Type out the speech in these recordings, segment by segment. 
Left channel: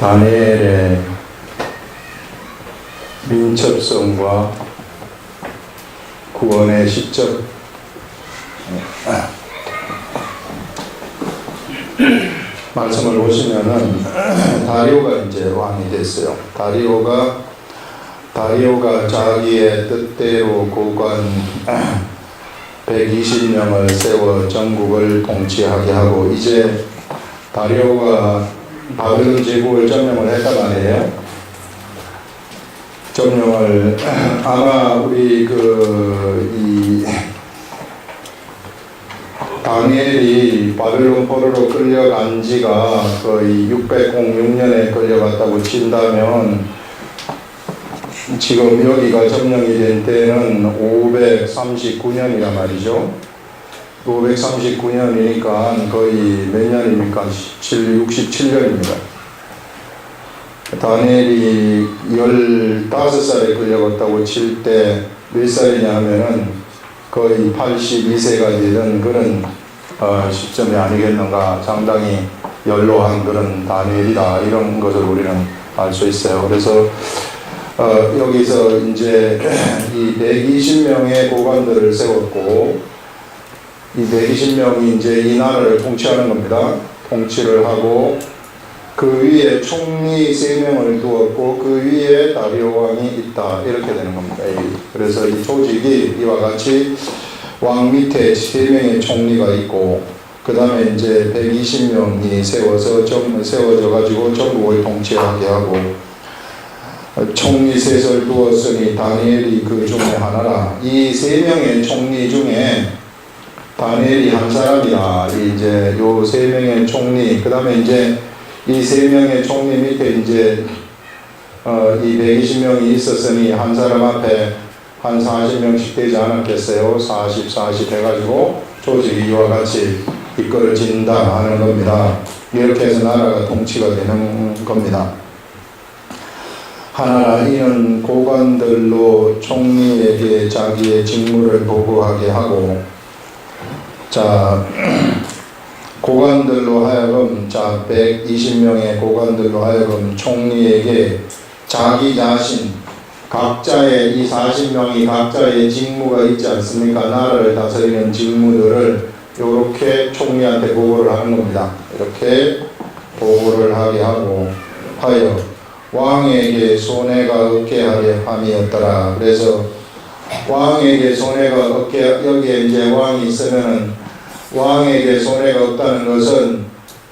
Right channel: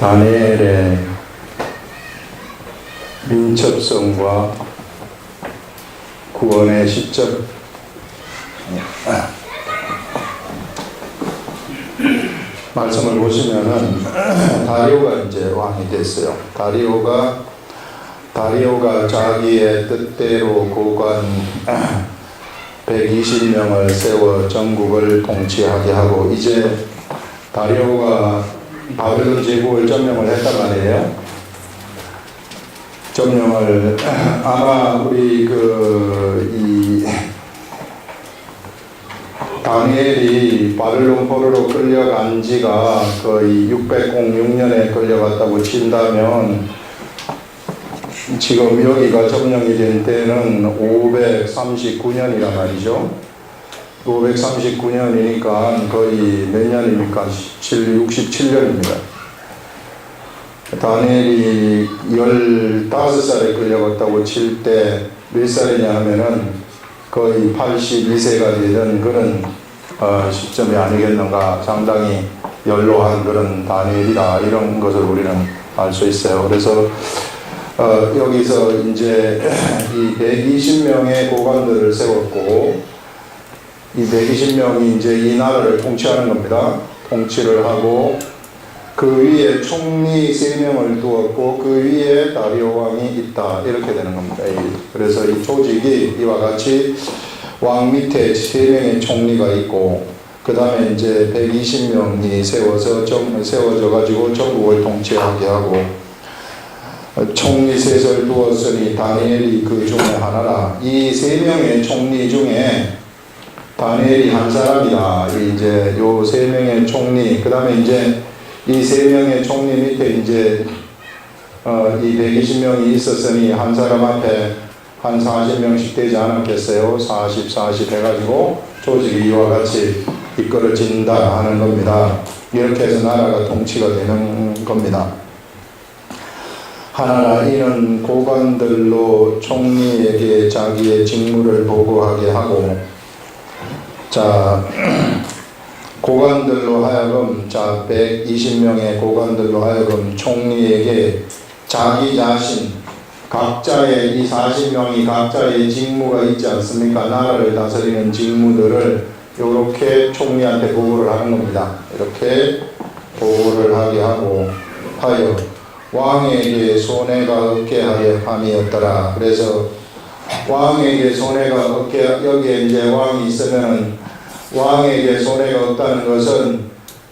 다니엘의 민첩성과 구원의 시점. 말씀을 보시면은 다리오가 이제 왕이 됐어요. 다리오가 자기의 뜻대로 고관 120명을 세워 전국을 통치하게 하고, 이제 다리오가 바벨론 제국을 점령을 했단 말이에요. 점령을 아마 우리 이 다니엘이 바벨론 포로로 끌려간 지가 거의 606년에 끌려갔다고 친다면, 지금 여기가 점령이 된 때는 539년이란 말이죠. 539년이니까 거의 몇 년입니까? 67년입니다. 다니엘이 15살에 끌려갔다고 칠 때 몇 살이냐 하면은 거의 82세가 되던 그런 시점이 아니겠는가. 상당히 연로한 그런 다니엘이다, 이런 것을 우리는 알 수 있어요. 그래서 여기서 이제 이 120명의 고관들을 세웠고, 이 120명이 이제 이 나라를 통치하는 겁니다. 통치를 하고, 그 위에 총리 3명을 두었고, 그 위에 다리오 왕이 있다, 이렇게 되는 겁니다. 그래서 이 조직이 이와 같이 왕 밑에 3명의 총리가 있고, 그 다음에 이제 120명이 세워져 가지고 전국을 통치하게 하고, 총리 셋을 두었으니 다니엘이 그 중에 하나라. 이 3명의 총리 중에 다니엘이 한 사람이라. 이제 요 3명의 총리, 그 다음에 이제 이 3명의 총리 밑에 이제 이 120명이 있었으니 한 사람 앞에 한 40명씩 되지 않았겠어요? 40 해가지고 조직이 이와 같이 이끌어진다 하는 겁니다. 이렇게 해서 나라가 통치가 되는 겁니다. 하나라, 이는 고관들로 총리에게 자기의 직무를 보고하게 하고, 자, 고관들로 하여금, 120명의 고관들로 하여금 총리에게 자기 자신, 각자의 이 40명이 각자의 직무가 있지 않습니까? 나라를 다스리는 직무들을 이렇게 총리한테 보고를 하는 겁니다. 이렇게 보고를 하게 하고, 하여 왕에게 손해가 없게 하려 함이었더라. 그래서 왕에게 손해가 없게, 여기에 이제 왕이 있으면은 왕에게 손해가 없다는 것은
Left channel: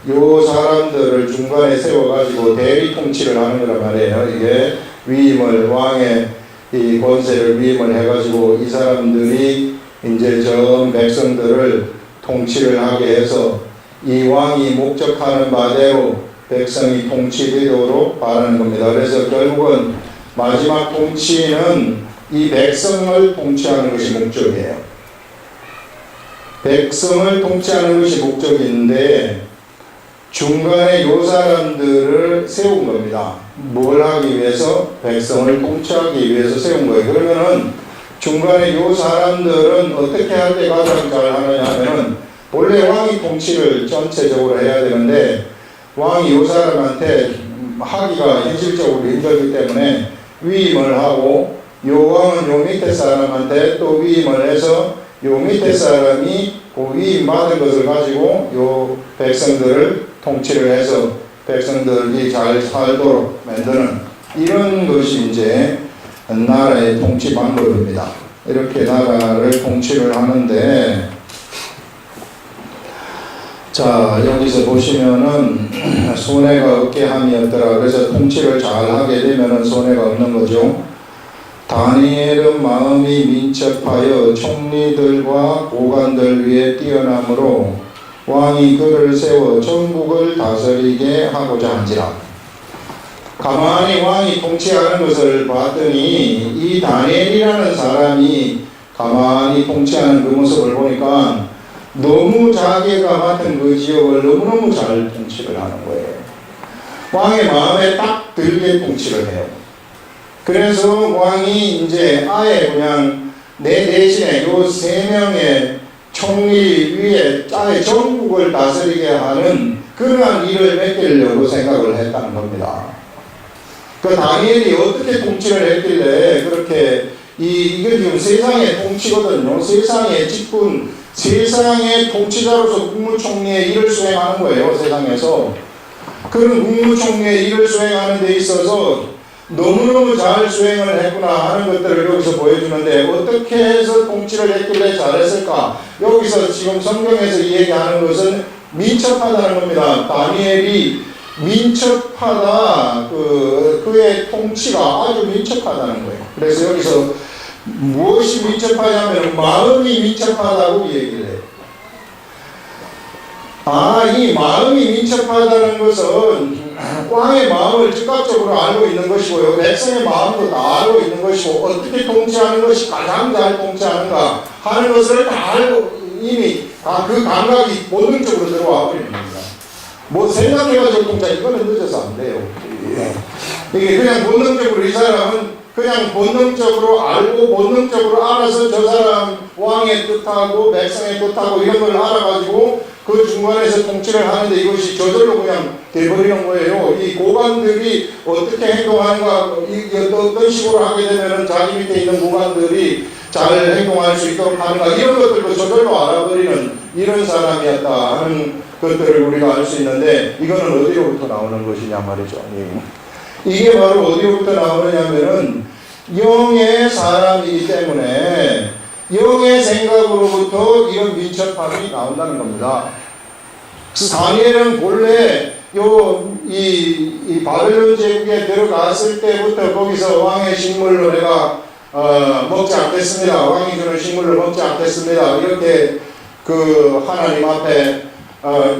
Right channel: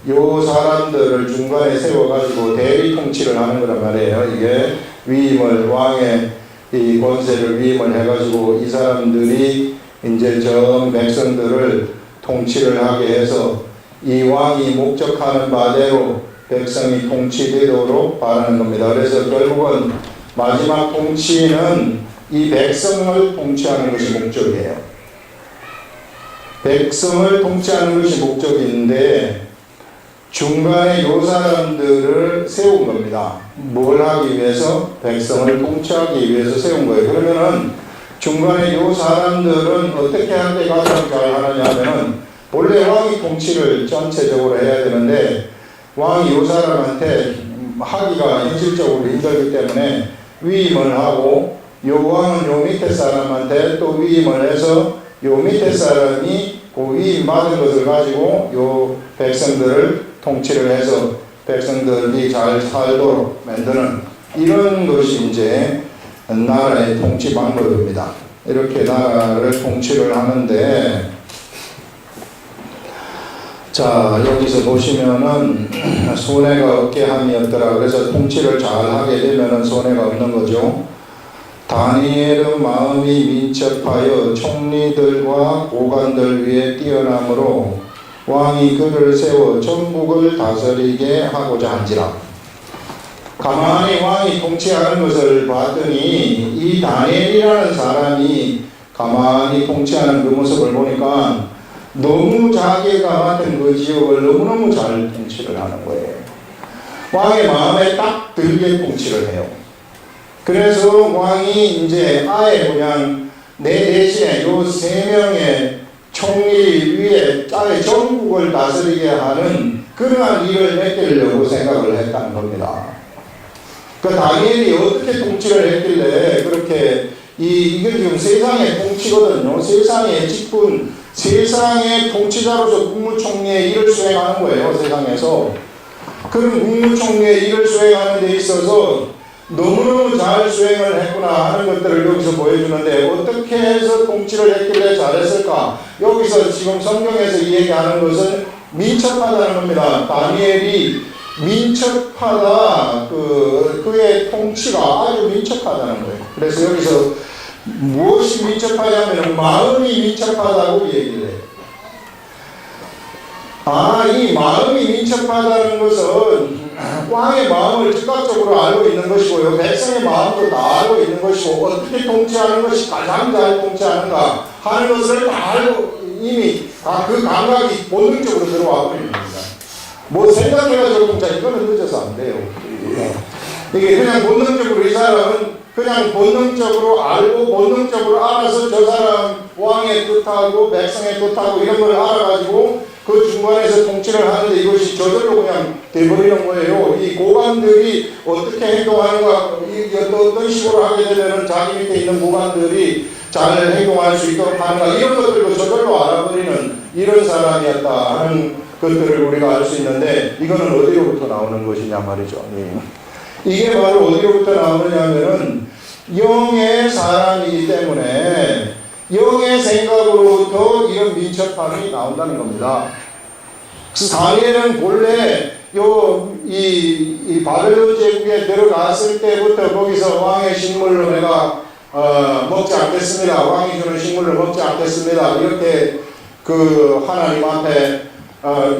요 사람들을 중간에 세워가지고 대리 통치를 하는 거란 말이에요. 이게 위임을, 왕의 이 권세를 위임을 해가지고 이 사람들이 이제 전 백성들을 통치를 하게 해서 이 왕이 목적하는 바대로 백성이 통치되도록 바라는 겁니다. 그래서 결국은 마지막 통치는 이 백성을 통치하는 것이 목적이에요. 백성을 통치하는 것이 목적인데, 중간에 요 사람들을 세운 겁니다. 뭘 하기 위해서? 백성을 통치하기 위해서 세운 거예요. 그러면은 중간에 요 사람들은 어떻게 할 때 가장 잘 하느냐 하면은, 원래 왕이 통치를 전체적으로 해야 되는데 왕이 요 사람한테 하기가 현실적으로 힘들기 때문에 위임을 하고, 요 왕은 요 밑에 사람한테 또 위임을 해서 요 밑에 사람이 그 위임 받은 것을 가지고 요 백성들을 통치를 해서 백성들이 잘 살도록 만드는, 이런 것이 이제 나라의 통치 방법입니다. 이렇게 나라를 통치를 하는데, 자, 여기서 보시면은 손해가 없게 함이었더라. 그래서 통치를 잘 하게 되면은 손해가 없는 거죠. 다니엘은 마음이 민첩하여 총리들과 고관들 위에 뛰어남으로 왕이 그를 세워 전국을 다스리게 하고자 한지라. 가만히 왕이 통치하는 것을 봤더니 이 다니엘이라는 사람이 가만히 통치하는 그 모습을 보니까 너무 자기가 맡은 그 지역을 너무너무 잘 통치를 하는 거예요. 왕의 마음에 딱 들게 통치를 해요. 그래서 왕이 이제 아예 그냥 내 대신에 요 3명의 총리 위에 짱의 전국을 다스리게 하는 그러한 일을 맡기려고 생각을 했다는 겁니다. 그 다니엘이 어떻게 통치를 했길래 그렇게 이건 지금 세상의 통치거든요. 세상의 직분, 세상의 통치자로서 국무총리의 일을 수행하는 거예요. 세상에서. 그런 국무총리의 일을 수행하는 데 있어서 너무너무 잘 수행을 했구나 하는 것들을 여기서 보여주는데 어떻게 해서 통치를 했길래 잘했을까? 여기서 지금 성경에서 얘기하는 것은 민첩하다는 겁니다. 다니엘이 민첩하다, 그의 통치가 아주 민첩하다는 거예요. 그래서 여기서 무엇이 민첩하냐면 마음이 민첩하다고 얘기를 해요. 이 마음이 민첩하다는 것은 왕의 마음을 즉각적으로 알고 있는 것이고요. 백성의 마음도 다 알고 있는 것이고 어떻게 통치하는 것이 가장 잘 통치하는가 하는 것을 다 알고 이미 그 감각이 본능적으로 들어와 버리는 겁니다. 뭐 생각해가지고 통치 이거는 늦어서 안 돼요. 이게 그냥 본능적으로 이 사람은 그냥 본능적으로 알고 본능적으로 알아서 저 사람 왕의 뜻하고 백성의 뜻하고 이런 걸 알아가지고 그 중간에서 통치를 하는데 이것이 저절로 그냥 돼버리는 거예요. 이 고관들이 어떻게 행동하는가, 어떤 식으로 하게 되면은 자기 밑에 있는 고관들이 잘 행동할 수 있도록 하는가, 이런 것들도 저절로 알아버리는 이런 사람이었다 하는 것들을 우리가 알 수 있는데 이거는 어디로부터 나오는 것이냐 말이죠. 이게 바로 어디로부터 나오느냐면은 영의 사람이기 때문에 영의 생각으로부터 이런 민첩함이 나온다는 겁니다. 그래서 다니엘은 본래 이 바벨론 제국에 들어갔을 때부터 거기서 왕의 식물로 내가 먹지 않겠습니다. 왕이 주는 식물로 먹지 않겠습니다. 이렇게 그 하나님 앞에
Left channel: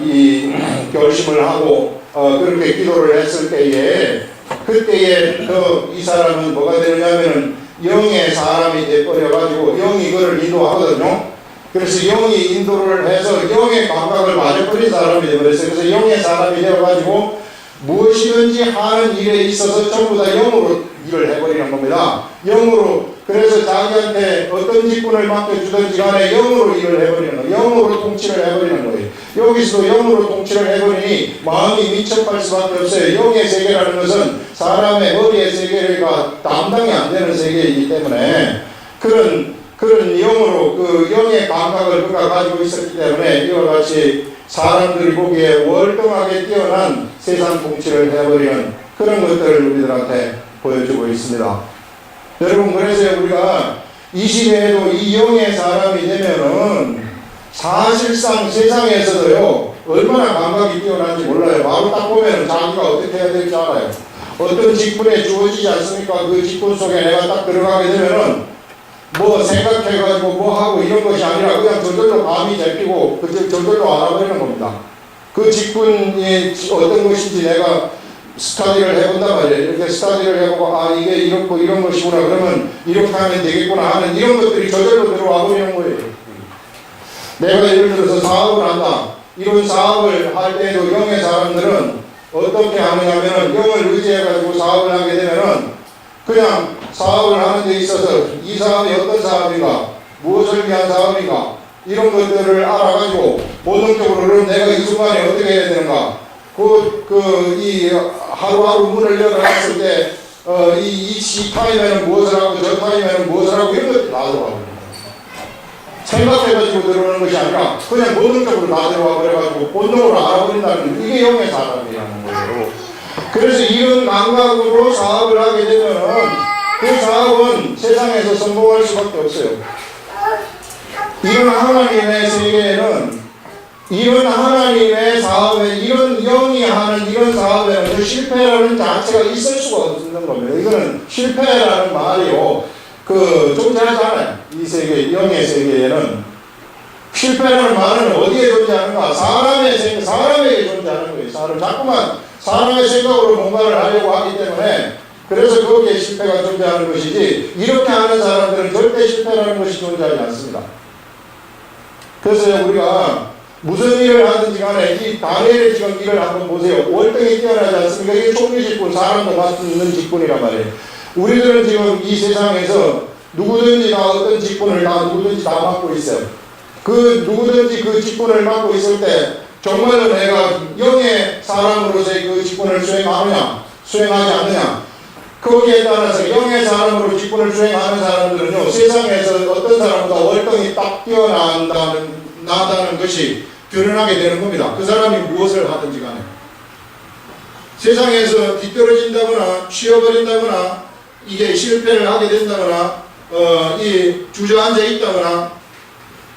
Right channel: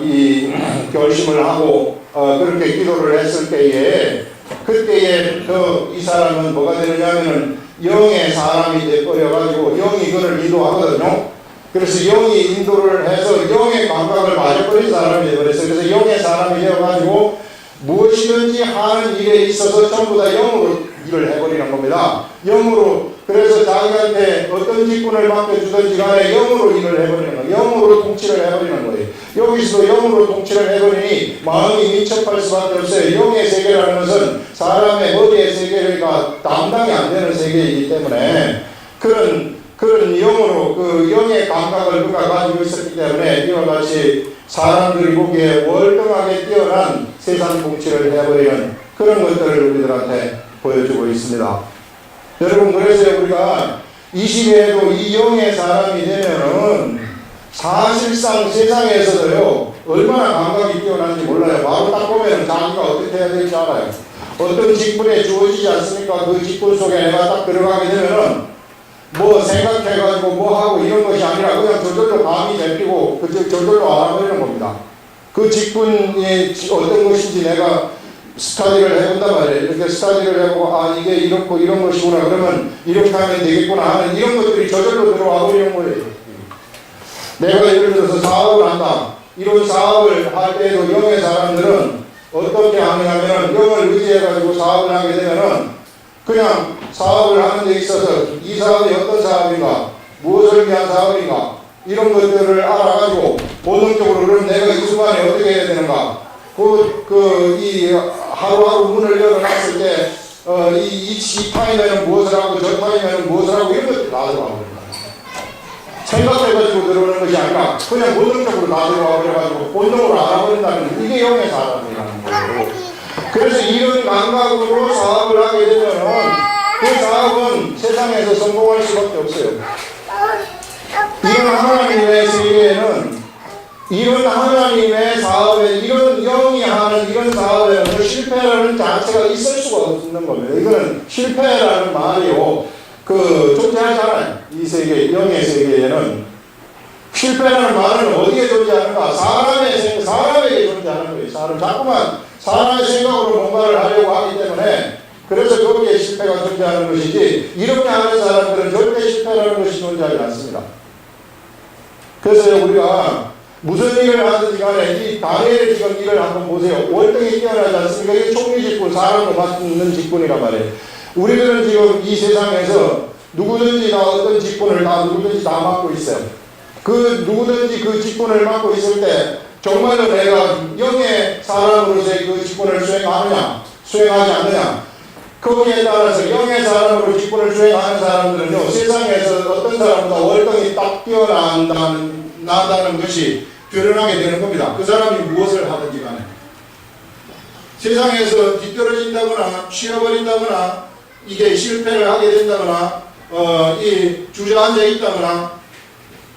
이 결심을 하고 그렇게 기도를 했을 때에 그때부터 이 사람은 뭐가 되느냐면은 영의 사람이 돼버려가지고 영이 그를 인도하거든요. 그래서 영이 인도를 해서 영의 감각을 맞아버린 사람이 되어버렸어요. 그래서 영의 사람이 되어가지고 무엇이든지 하는 일에 있어서 전부 다 영으로 일을 해버리는 겁니다. 영으로. 그래서 자기한테 어떤 직분을 맡겨주든지 간에 영으로 일을 해버리는 거예요. 영으로 통치를 해버리는 거예요. 여기서도 영으로 통치를 해버리니 마음이 민첩할 수밖에 없어요. 영의 세계라는 것은 사람의 머리의 세계가 담당이 안 되는 세계이기 때문에 그런 영으로 그 영의 감각을 그가 가지고 있었기 때문에 이와 같이 사람들이 보기에 월등하게 뛰어난 세상 통치를 해버리는 그런 것들을 우리들한테 보여주고 있습니다. 여러분, 그래서 우리가 이 시대에도 이 영의 사람이 되면은 사실상 세상에서도요 얼마나 감각이 뛰어난지 몰라요. 바로 딱 보면은 자기가 어떻게 해야 될지 알아요. 어떤 직분에 주어지지 않습니까? 그 직분 속에 내가 딱 들어가게 되면은 뭐 생각해가지고 뭐 하고 이런 것이 아니라 그냥 저절로 감이 잡히고 저절로 알아버리는 겁니다. 그 직분이 어떤 것인지 내가 스터디를 해본단 말이에요. 이렇게 스터디를 해보고 이게 이렇고 이런 것이구나 그러면 이렇게 하면 되겠구나 하는 이런 것들이 저절로 들어와 버리는 거예요. 내가 예를 들어서 사업을 한다. 이런 사업을 할 때에도 영의 사람들은 어떻게 하느냐면은 영을 의지해가지고 사업을 하게 되면은 그냥 사업을 하는 데 있어서 이 사업이 어떤 사업인가, 무엇을 위한 사업인가 이런 것들을 알아가지고 본능적으로 그럼 내가 이 순간에 어떻게 해야 되는가, 이 하루하루 문을 열어놨을 때 이 타임에는 무엇을 하고 저 타임에는 무엇을 하고 이런 것들 다 들어와 버립니다. 생각해가지고 들어오는 것이 아니라 그냥 본능적으로 다 들어와 버려가지고 본능으로 알아버린다는 이게 영의 사람이라는 거예요. 그래서 이런 감각으로 사업을 하게 되면은 그 사업은 세상에서 성공할 수밖에 없어요. 이런 하나님의 세계에는 이런 하나님의 사업에 이런 영이 하는 이런 사업에는 실패라는 자체가 있을 수가 없는 겁니다. 이거는 실패라는 말이요 존재하지 않아요. 이 세계, 영의 세계에는 실패라는 말은 어디에 존재하는가? 사람에게 존재하는 거예요. 자꾸만 사람의 생각으로 뭔가를 하려고 하기 때문에 그래서 거기에 실패가 존재하는 것이지 이렇게 하는 사람들은 절대 실패라는 것이 존재하지 않습니다. 그래서 우리가 무슨 일을 하든지 간에 이 다니엘의 지금 일을 한번 보세요. 월등히 뛰어나지 않습니까? 이게 총리 직분, 사람도 맡는 직분이란 말이에요. 우리들은 지금 이 세상에서 누구든지 다 어떤 직분을 누구든지 다 맡고 있어요. 그 누구든지 그 직분을 맡고 있을 때 정말로 내가 영의 사람으로서의 그 직분을 수행하느냐 수행하지 않느냐, 거기에 따라서 영의 사람으로 직분을 수행하는 사람들은요, 세상에서 어떤 사람보다 월등히 딱 뛰어난다는 것이 드러나게 되는 겁니다. 그 사람이 무엇을 하든지 간에. 세상에서 뒤떨어진다거나 쉬어버린다거나 이게 실패를 하게 된다거나 이 주저앉아 있다거나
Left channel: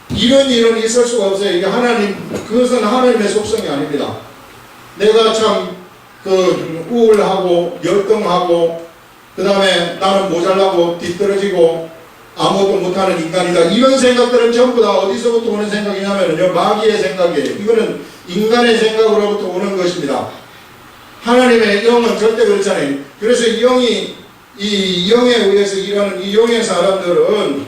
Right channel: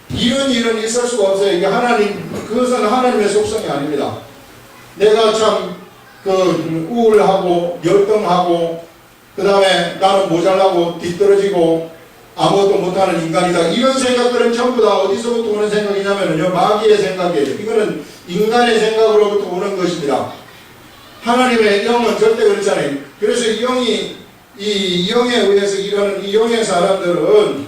이런 일은 있을 수가 없어요. 이게 그것은 하나님의 속성이 아닙니다. 내가 참 우울하고 열등하고 그 다음에 나는 모자라고 뒤떨어지고 아무것도 못하는 인간이다, 이런 생각들은 전부 다 어디서부터 오는 생각이냐면요, 마귀의 생각이에요. 이거는 인간의 생각으로부터 오는 것입니다. 하나님의 영은 절대 그렇잖아요. 그래서 이 영에 의해서 일하는 이 영의 사람들은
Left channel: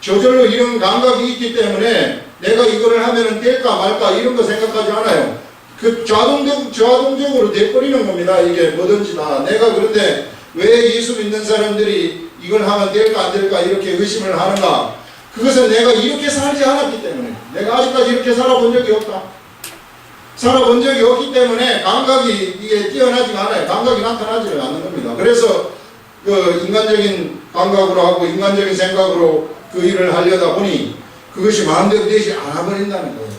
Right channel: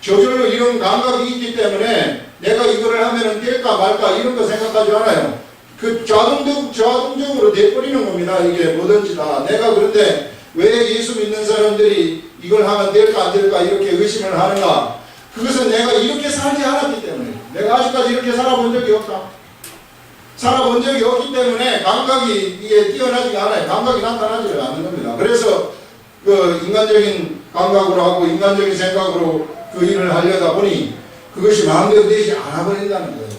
저절로 이런 감각이 있기 때문에 내가 이거를 하면은 될까 말까 이런 거 생각하지 않아요. 그 자동적으로 돼버리는 겁니다. 이게 뭐든지 다. 내가 그런데 왜 예수 믿는 사람들이 이걸 하면 될까 안 될까 이렇게 의심을 하는가? 그것은 내가 이렇게 살지 않았기 때문에, 내가 아직까지 이렇게 살아본 적이 없다. 살아본 적이 없기 때문에 감각이 이게 뛰어나지가 않아요. 감각이 나타나지가 않는 겁니다. 그래서 그 인간적인 감각으로 하고 인간적인 생각으로 그 일을 하려다 보니 그것이 마음대로 되지 않아 버린다는 거예요.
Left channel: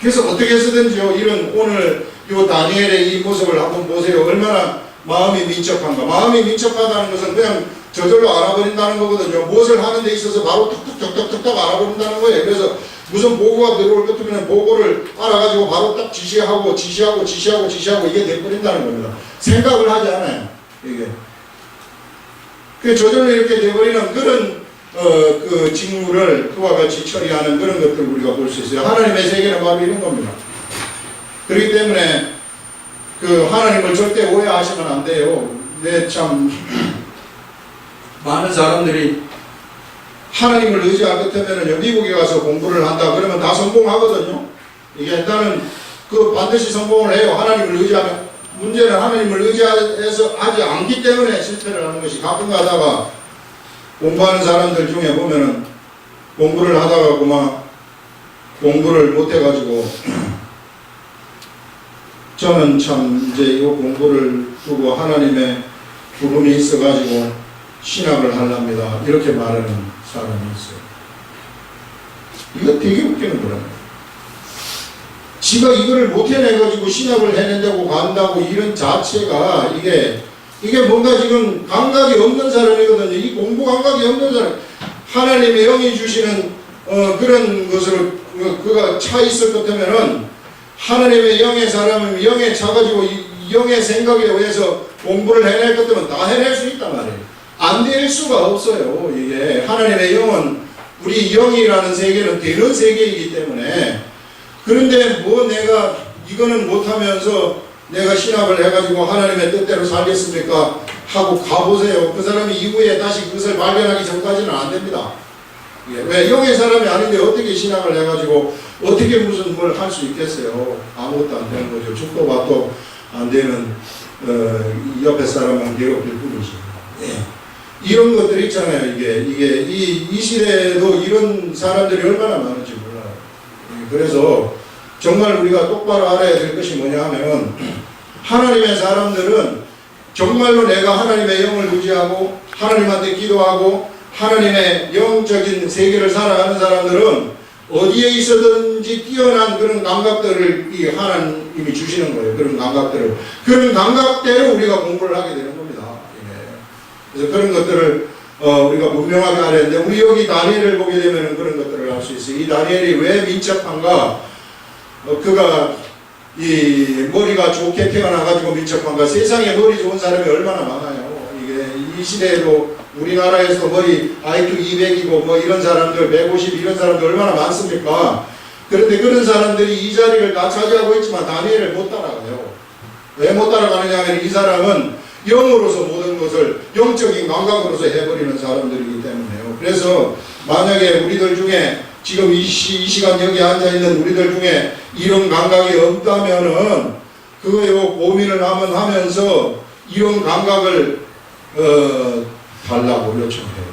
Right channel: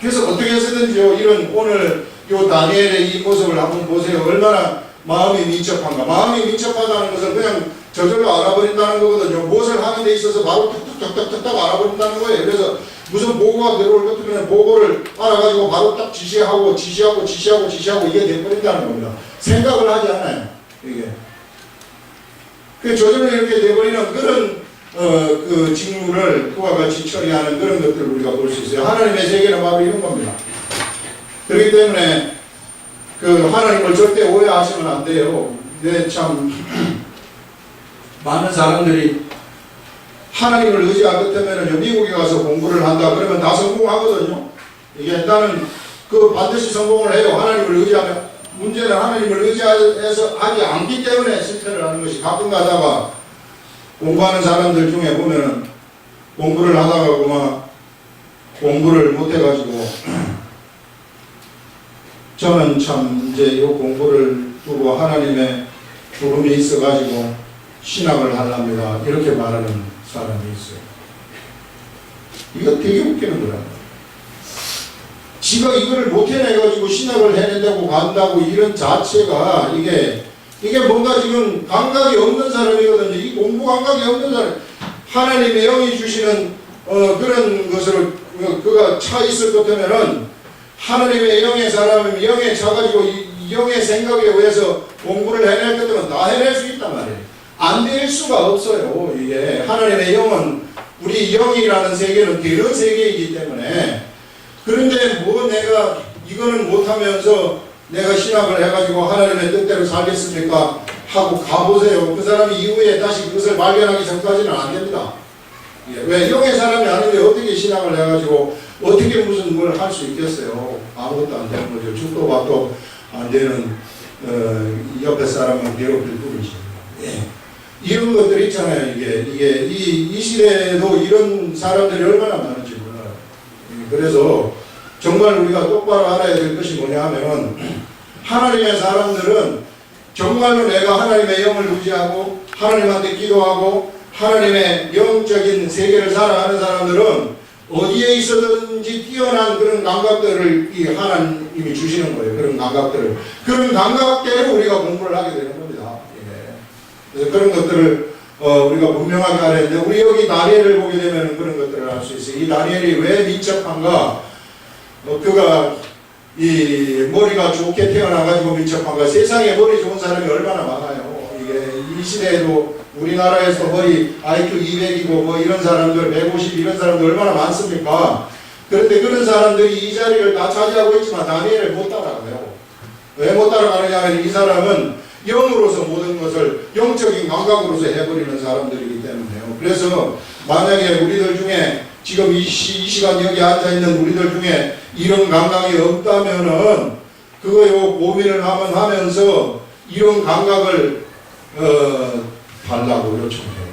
그래서 어떻게 해서든지요, 이런 오늘 요 다니엘의 이 모습을 한번 보세요. 얼마나 마음이 민첩한가. 마음이 민첩하다는 것은 그냥 저절로 알아버린다는 거거든요. 무엇을 하는 데 있어서 바로 툭툭 알아버린다는 거예요. 그래서 무슨 보고가 들어올 것 같으면 보고를 알아가지고 바로 딱 지시하고 이게 돼버린다는 겁니다. 생각을 하지 않아요. 이게. 그 저절로 이렇게 돼버리는 그런 그 직무를 그와 같이 처리하는 그런 것들을 우리가 볼 수 있어요. 하나님의 세계는 바로 이런 겁니다. 그렇기 때문에 그 하나님을 절대 오해하시면 안 돼요. 참 많은 사람들이 하나님을 의지할 것 같으면 미국에 가서 공부를 한다 그러면 다 성공하거든요. 이게 일단은 그 반드시 성공을 해요. 하나님을 의지하면. 문제는 하나님을 의지해서 하지 않기 때문에 실패를 하는 것이, 가끔 가다가 공부하는 사람들 중에 보면은 공부를 하다가 그만 공부를 못해가지고 저는 참 이제 이 공부를 두고 하나님의 부름이 있어가지고 신학을 하랍니다, 이렇게 말하는 사람이 있어요. 이거 되게 웃기는 거라고요. 지가 이거를 못 해내가지고 신학을 해낸다고 간다고 이런 자체가 이게 뭔가 지금 감각이 없는 사람이거든요. 이 공부 감각이 없는 사람. 하나님의 영이 주시는 그런 것을 그가 차 있을 것 같으면은 하나님의 영의 사람은 영에 차가지고 이 영의 생각에 의해서 공부를 해낼 것 같으면 다 해낼 수 있단 말이에요. 안 될 수가 없어요. 이게 하나님의 영은, 우리 영이라는 세계는 되는 세계이기 때문에. 그런데 뭐 내가 이거는 못하면서 내가 신학을 해가지고 하나님의 뜻대로 살겠습니까? 하고 가보세요. 그 사람이 이후에 다시 그것을 발견하기 전까지는 안 됩니다. 왜? 영의 사람이 아닌데 어떻게 신학을 해가지고 어떻게 무슨 뭘 할 수 있겠어요? 아무것도 안 되는 거죠. 죽도 밥도 안 되는 옆에 사람은 괴롭힐 뿐이지. 예. 이런 것들 있잖아요. 이게 이 시대에도 이런 사람들이 얼마나 많은지 몰라요. 그래서 정말 우리가 똑바로 알아야 될 것이 뭐냐 하면, 하나님의 사람들은 정말로 내가 하나님의 영을 의지하고 하나님한테 기도하고 하나님의 영적인 세계를 살아가는 사람들은 어디에 있어든지 뛰어난 그런 감각들을 이 하나님이 주시는 거예요. 그런 감각들을. 그런 감각대로 우리가 공부를 하게 되는 겁니다. 예. 그래서 그런 것들을 우리가 분명하게 알아야 되는데, 우리 여기 다니엘을 보게 되면 그런 것들을 알 수 있어요. 이 다니엘이 왜 민첩한가? 그가 이 머리가 좋게 태어나가지고 민첩한가? 세상에 머리 좋은 사람이 얼마나 많아요. 이게 이 시대에도 우리나라에서 머리 IQ 200이고 뭐 이런 사람들 150 이런 사람들 얼마나 많습니까? 그런데 그런 사람들이 이 자리를 다 차지하고 있지만 다니엘을 못 따라가요. 왜 못 따라가느냐 하면 이 사람은 영으로서 모든 것을 영적인 감각으로서 해버리는 사람들이기 때문에요. 그래서 만약에 우리들 중에 지금 이 시간 여기 앉아있는 우리들 중에 이런 감각이 없다면은 그거요 고민을 하면서 이런 감각을 달라고 요청해요.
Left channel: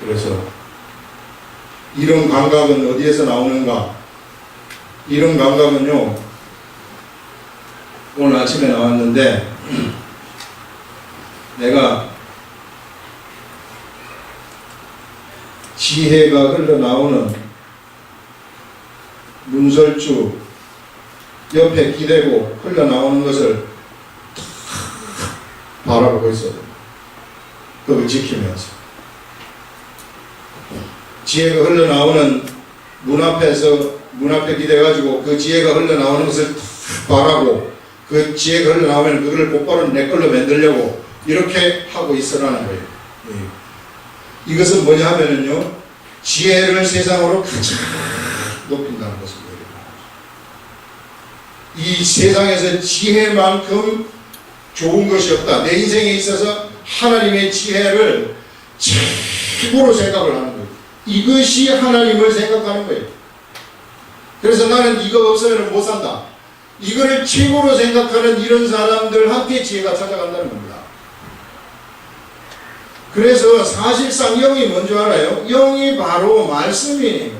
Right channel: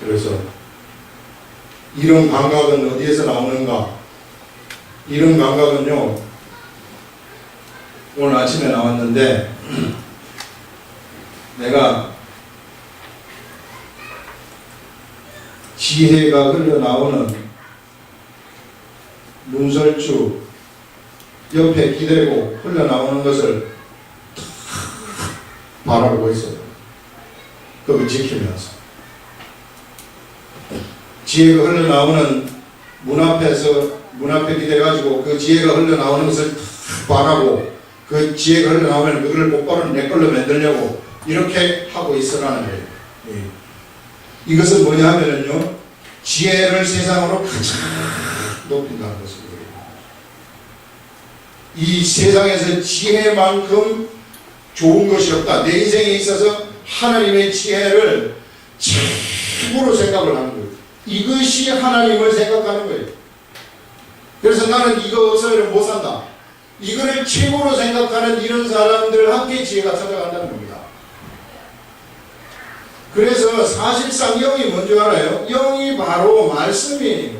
그래서 이런 감각은 어디에서 나오는가? 이런 감각은요, 오늘 아침에 나왔는데, 내가 지혜가 흘러나오는 문설주 옆에 기대고 흘러나오는 것을 바라보고 있어요. 그걸 지키면서. 지혜가 흘러나오는 문 앞에 기대가지고 그 지혜가 흘러나오는 것을 바라고 그 지혜가 흘러나오면 그걸 곧바로 내 걸로 만들려고 이렇게 하고 있으라는 거예요. 이것은 뭐냐 하면은요, 지혜를 세상으로 가장 높인다는 것을 얘기해요. 이 세상에서 지혜만큼 좋은 것이 없다. 내 인생에 있어서 하나님의 지혜를 최고로 생각을 하는 거예요. 이것이 하나님을 생각하는 거예요. 그래서 나는 이거 없으면 못 산다. 이거를 최고로 생각하는 이런 사람들한테 지혜가 찾아간다는 겁니다. 그래서 사실상 영이 뭔지 알아요? 영이 바로 말씀이에요.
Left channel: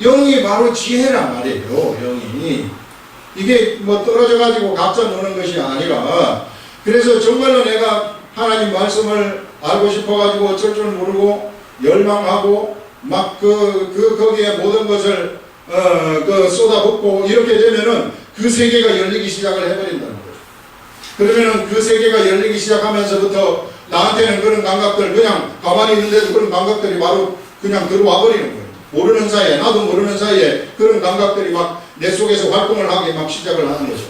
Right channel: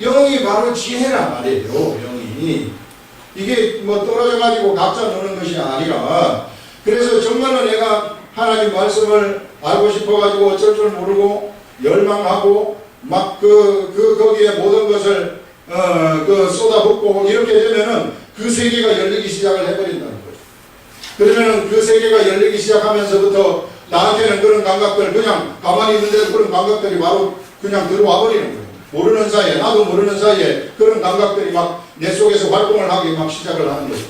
영이 바로 지혜란 말이에요. 영이. 이게 뭐 떨어져가지고 각자 노는 것이 아니라, 그래서 정말로 내가 하나님 말씀을 알고 싶어가지고 어쩔 줄 모르고 열망하고 막 거기에 모든 것을 쏟아붓고 이렇게 되면은 그 세계가 열리기 시작을 해버린다는 거죠. 그러면은 그 세계가 열리기 시작하면서부터 나한테는 그런 감각들, 그냥 가만히 있는데도 그런 감각들이 바로 그냥 들어와 버리는 거예요. 모르는 사이에, 나도 모르는 사이에 그런 감각들이 막 내 속에서 활동을 하기 막 시작을 하는 거죠.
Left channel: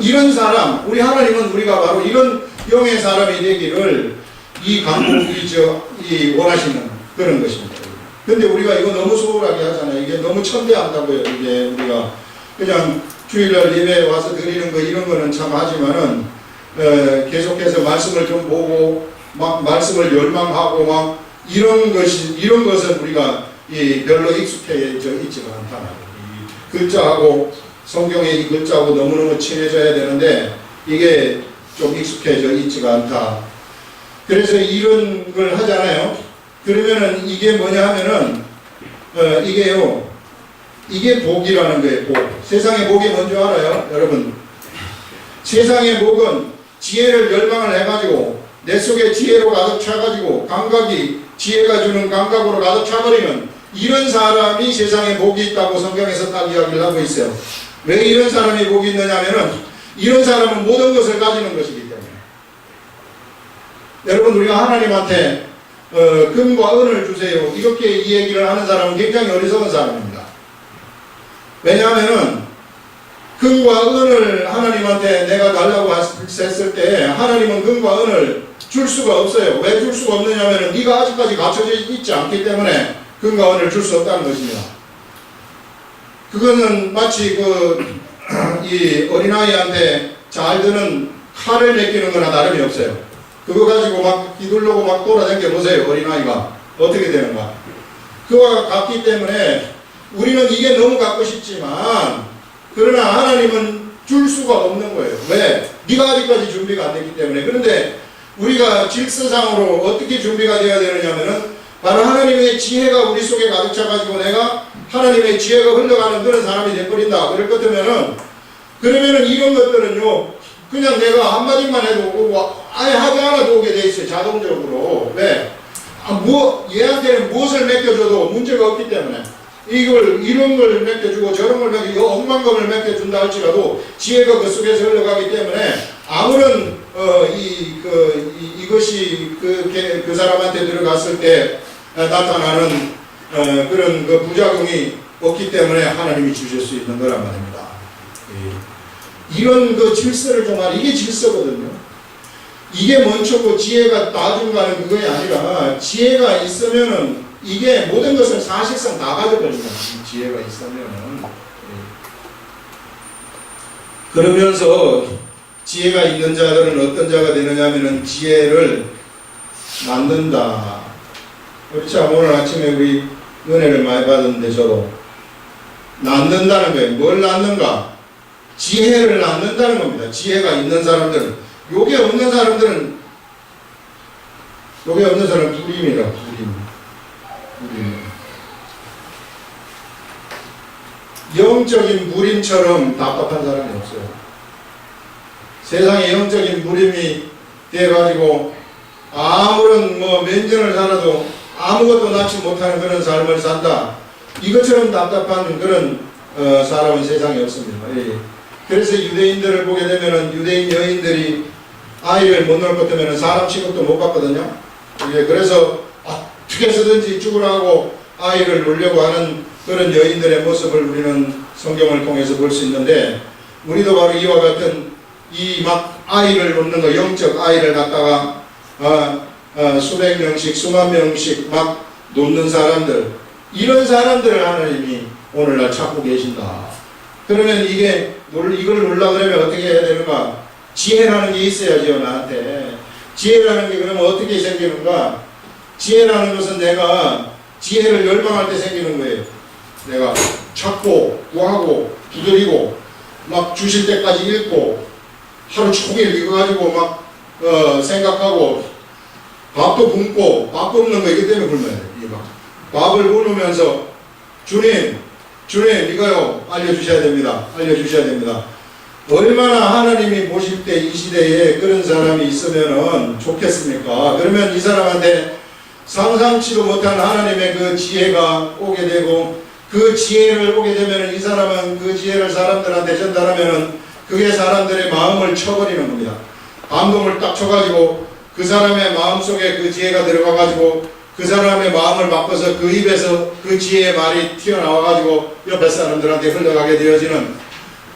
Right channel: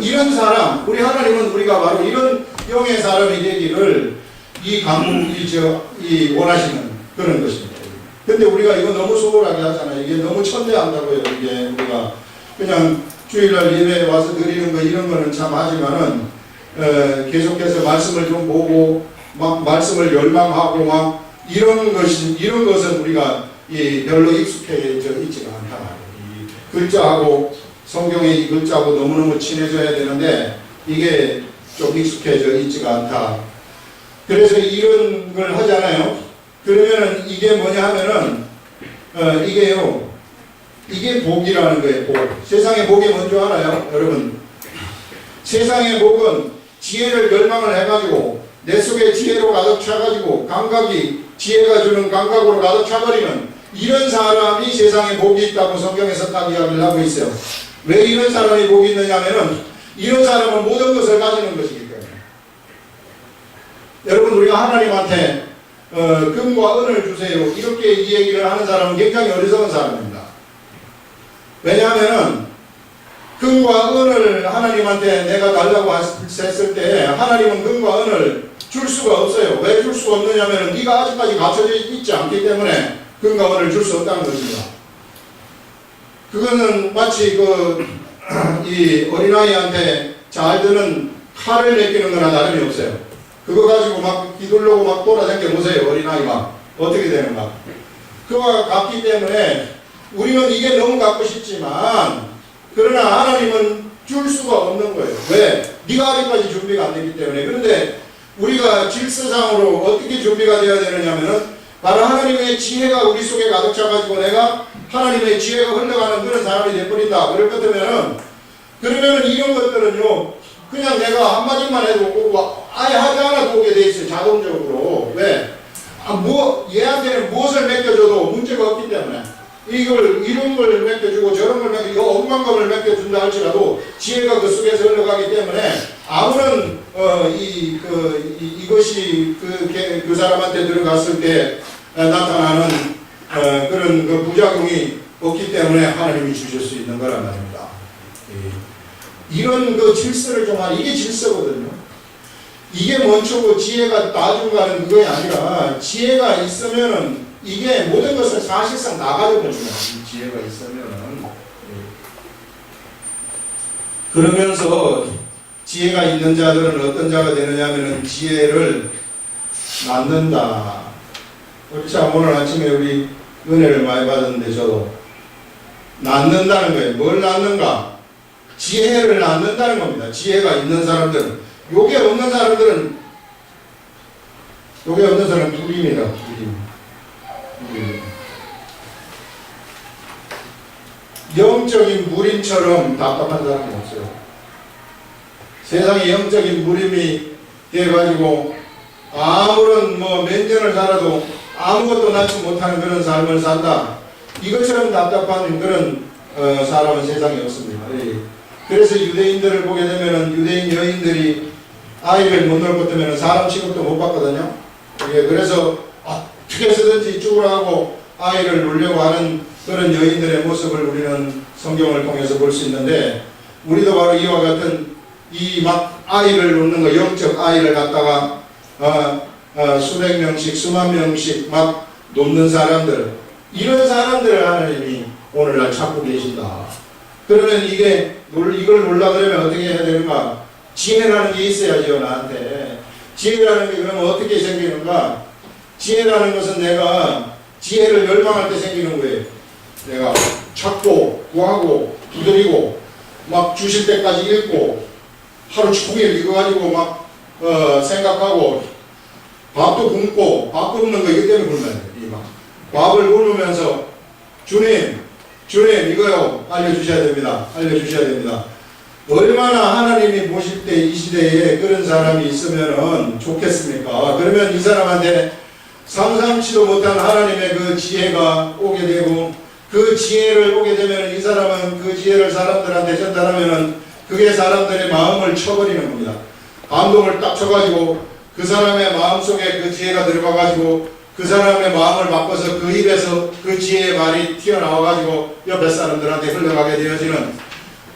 이런 사람, 우리 하나님은 우리가 바로 이런 영의 사람이 되기를 이 원하시는 그런 것입니다. 근데 우리가 이거 너무 소홀하게 하잖아요. 이게 너무 천대한다고요. 이게 우리가 그냥 주일날 예배에 와서 드리는 거 이런 거는 참 하지만은 계속해서 말씀을 좀 보고 막 말씀을 열망하고 막 이런 것은 우리가 별로 익숙해져 있지가 않다. 이 글자하고 성경의 이 글자하고 너무너무 친해져야 되는데 이게 좀 익숙해져 있지가 않다. 그래서 이런 걸 하잖아요. 그러면은 이게 뭐냐 하면은 이게 복이라는 거예요. 복. 세상의 복이 뭔지 알아요? 여러분, 세상의 복은 지혜를 열망을 해가지고 내 속에 지혜로 가득 차가지고 감각이 지혜가 주는 감각으로 가득 차버리는 이런 사람이 세상에 복이 있다고 성경에서 딱 이야기를 하고 있어요. 왜 이런 사람이 복이 있느냐면은 이런 사람은 모든 것을 가지는 것이기 때문에. 여러분, 우리가 하나님한테 금과 은을 주세요 이렇게 이 얘기를 하는 사람은 굉장히 어리석은 사람입니다. 왜냐하면은 금과 은을 하나님한테 내가 달라고 했을 때 하나님은 금과 은을 줄 수가 없어요. 왜 줄 수가 없느냐면 네가 아직까지 갖춰져 있지 않기 때문에 금과 은을 줄 수 없다는 것입니다. 그거는 마치 이 어린아이한테 잘 드는 칼을 내끼는 거나 다름이 없어요. 그거 가지고 막 휘둘르고 막 돌아다녀 보세요. 어린아이가 어떻게 되는가. 그와 같기 때문에 우리는 이게 너무 갖고 싶지만 그러나 하나님은 줄 수가 없는 거예요. 왜? 네가 아직까지 준비가 안 됐기 때문에. 그런데 우리가 질서상으로 어떻게 준비가 되어야 되느냐면은 바로 하나님의 지혜가 우리 속에 가득 차가지고 내가 하나님의 지혜가 흘러가는 그런 사람이 되어버린다. 그럴 것 같으면은 그러면은 이런 것들은요 그냥 내가 한마디만 해도 오고 아예 하지 않아도 오게 돼 있어요. 자동적으로. 왜? 얘한테는 무엇을 맡겨줘도 문제가 없기 때문에. 이런 걸 맡겨주고 저런 걸 맡겨주고 억만 것을 맡겨준다 할지라도 지혜가 그 속에서 흘러가기 때문에 아무런 이것이 그 사람한테 들어갔을 때 나타나는 그런 그 부작용이 없기 때문에 하나님이 주실 수 있는 거란 말입니다. 이런 그 질서를 좀 하는 이게 질서거든요. 이게 먼저고 지혜가 나중 가는 그게 아니라 지혜가 있으면은 이게 모든 것을 사실상 다 가져버립니다. 지혜가 있으면은. 그러면서 지혜가 있는 자들은 어떤 자가 되느냐면은 지혜를 낳는다. 우리 참 오늘 아침에 우리 은혜를 많이 받았는데 저도 낳는다는 거예요. 뭘 낳는가? 지혜를 낳는다는 겁니다. 지혜가 있는 사람들은. 요게 없는 사람들은 불임이라 불임. 영적인 무림처럼 답답한 사람이 없어요. 세상에 영적인 무림이 돼가지고 아무런 몇 년을 살아도 아무것도 낳지 못하는 그런 삶을 산다. 이것처럼 답답한 그런 사람은 세상에 없습니다. 예. 그래서 유대인들을 보게 되면은 유대인 여인들이 아이를 못 낳을 것 때문에 사람 취급도 못 받거든요. 예. 그래서 어떻게 해서든지 죽으라고 아이를 놓으려고 하는 그런 여인들의 모습을 우리는 성경을 통해서 볼 수 있는데, 우리도 바로 이와 같은 이 막 아이를 놓는 거, 영적 아이를 갖다가 수백 명씩 수만 명씩 막 놓는 사람들, 이런 사람들을 하나님이 오늘날 찾고 계신다. 그러면 이걸 놀라 그러면 어떻게 해야 되는가? 지혜라는 게 있어야죠. 나한테 지혜라는 게 그러면 어떻게 생기는가? 지혜라는 것은 내가 지혜를 열망할 때 생기는 거예요. 내가 찾고 구하고 두드리고 막 주실 때까지 읽고 하루 종일 이거 가지고 막 생각하고 밥도 굶고 밥 굶는 거 이것 때문에 굶어야 돼. 밥을 굶으면서 주님 이거요 알려주셔야 됩니다. 얼마나 하나님이 보실 때 이 시대에 그런 사람이 있으면 좋겠습니까? 그러면 이 사람한테 상상치도 못한 하나님의 그 지혜가 오게 되고, 그 지혜를 오게 되면 이 사람은 그 지혜를 사람들한테 전달하면은 그게 사람들의 마음을 쳐버리는 겁니다. 감동을 딱 쳐가지고 그 사람의 마음속에 그 지혜가 들어가가지고 그 사람의 마음을 바꿔서 그 입에서 그 지혜의 말이 튀어나와가지고 옆에 사람들한테 흘러가게 되어지는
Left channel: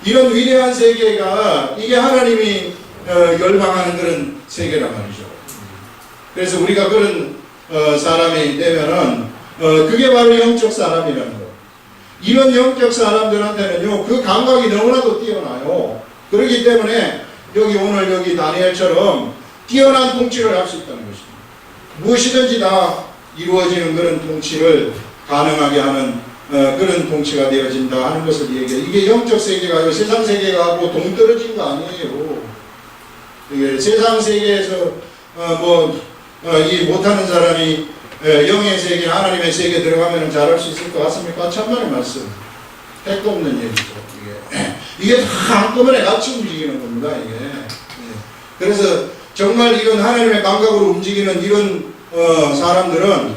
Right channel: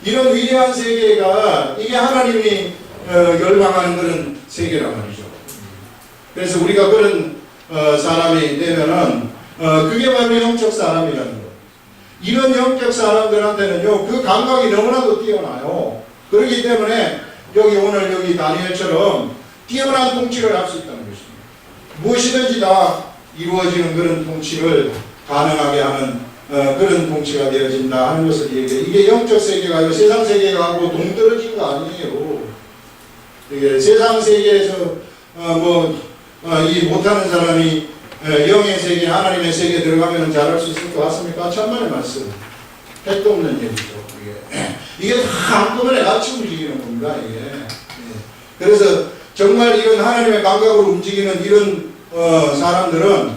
이런 위대한 세계가, 이게 하나님이 열망하는 그런 세계란 말이죠. 그래서 우리가 그런 사람이 되면은 그게 바로 영적 사람이라는 거예요. 이런 영적 사람들한테는요 그 감각이 너무나도 뛰어나요. 그렇기 때문에 오늘 여기 다니엘처럼 뛰어난 통치를 할 수 있다는 것입니다. 무엇이든지 다 이루어지는 그런 통치를 가능하게 하는 그런 통치가 되어진다 하는 것을 얘기해요. 이게 영적 세계가 세상 세계하고 동떨어진 거 아니에요. 이게 세상 세계에서 이 못하는 사람이 영의 세계, 하나님의 세계에 들어가면 잘할 수 있을 것 같습니까? 천만의 말씀. 택도 없는 얘기죠. 이게 다 한꺼번에 같이 움직이는 겁니다. 이게. 그래서 정말 이런 하나님의 감각으로 움직이는 이런 사람들은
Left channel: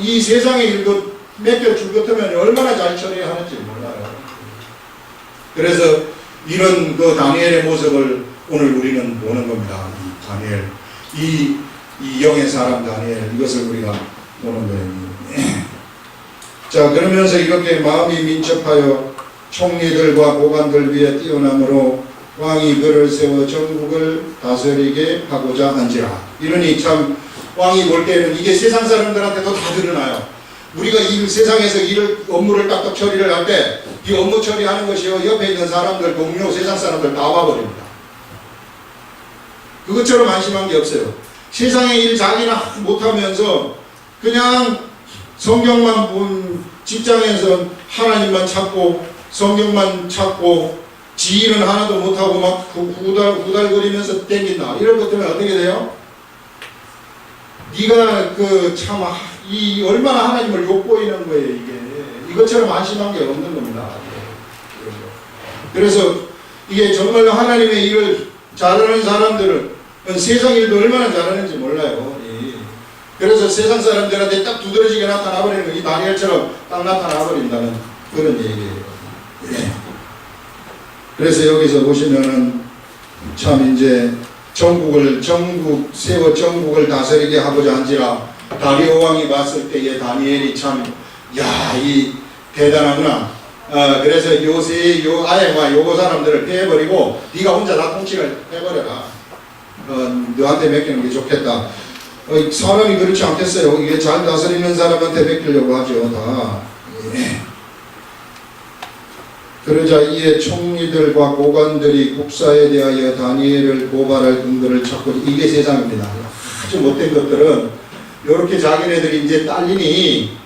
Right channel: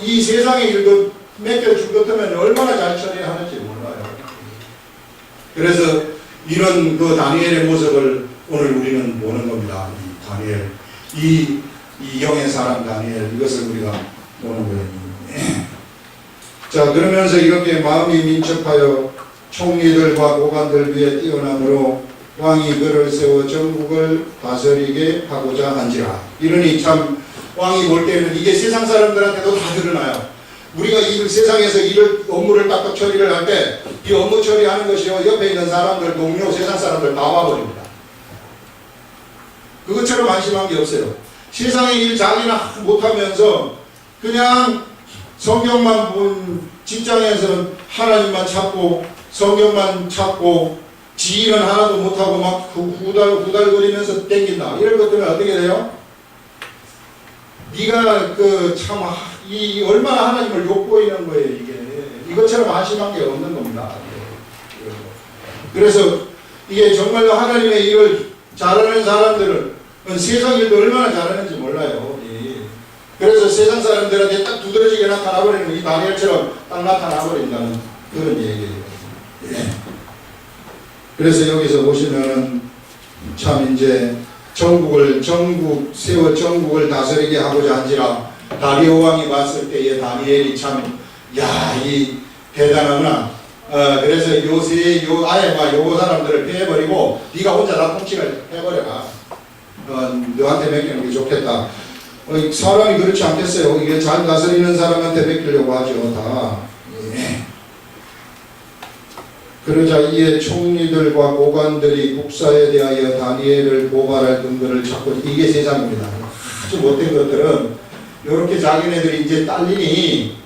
이 세상의 일도 맡겨줄 것 같으면 얼마나 잘 처리하는지 몰라요. 그래서 이런 그 다니엘의 모습을 오늘 우리는 보는 겁니다. 이 다니엘, 이 영의 사람 다니엘, 이것을 우리가 보는 거예요. 자, 그러면서 이렇게 마음이 민첩하여 총리들과 고관들 위에 뛰어남으로 왕이 그를 세워 전국을 다스리게 하고자 한지라. 이러니 참 왕이 볼 때는 이게 세상 사람들한테도 다 드러나요. 우리가 이 세상에서 업무를 딱딱 처리를 할 때 이 업무 처리하는 것이요 옆에 있는 사람들, 동료, 세상 사람들 다 와버립니다. 그것처럼 안심한 게 없어요. 세상의 일 자기나 못하면서 그냥 성경만 본 직장에서 하나님만 찾고 성경만 찾고 지 일은 하나도 못하고 막 후달거리면서 땡긴다. 이럴 것 때문에 어떻게 돼요? 네가 이 얼마나 하나님을 욕보이는 거예요. 이것처럼 안심한 게 없는 겁니다. 그래서 이게 정말로 하나님의 일을 잘하는 사람들은 세상 일도 얼마나 잘하는지 몰라요. 그래서 세상 사람들한테 딱 두드러지게 나타나버리는 이 다니엘처럼 딱 나타나버린다는 그런 얘기예요. 그래서 여기서 보시면은 참 이제 세워 전국을 다스리게 하고자 한지라. 다리오 왕이 봤을 때에 다니엘이 이 대단하구나. 그래서 아예 요거 사람들을 빼버리고 네가 혼자 다 통치를 해버려라. 너한테 맡기는 게 좋겠다. 사람이 그렇지 않겠어요. 이게 잘 다스리는 사람한테 맡기려고 하죠. 다. 그러자 이에 총리들과 고관들이 국사에 대하여 다니엘을 고발할 근거를 찾고, 이게 세상입니다. 아주 못된 것들은 이렇게 자기네들이 이제 딸리니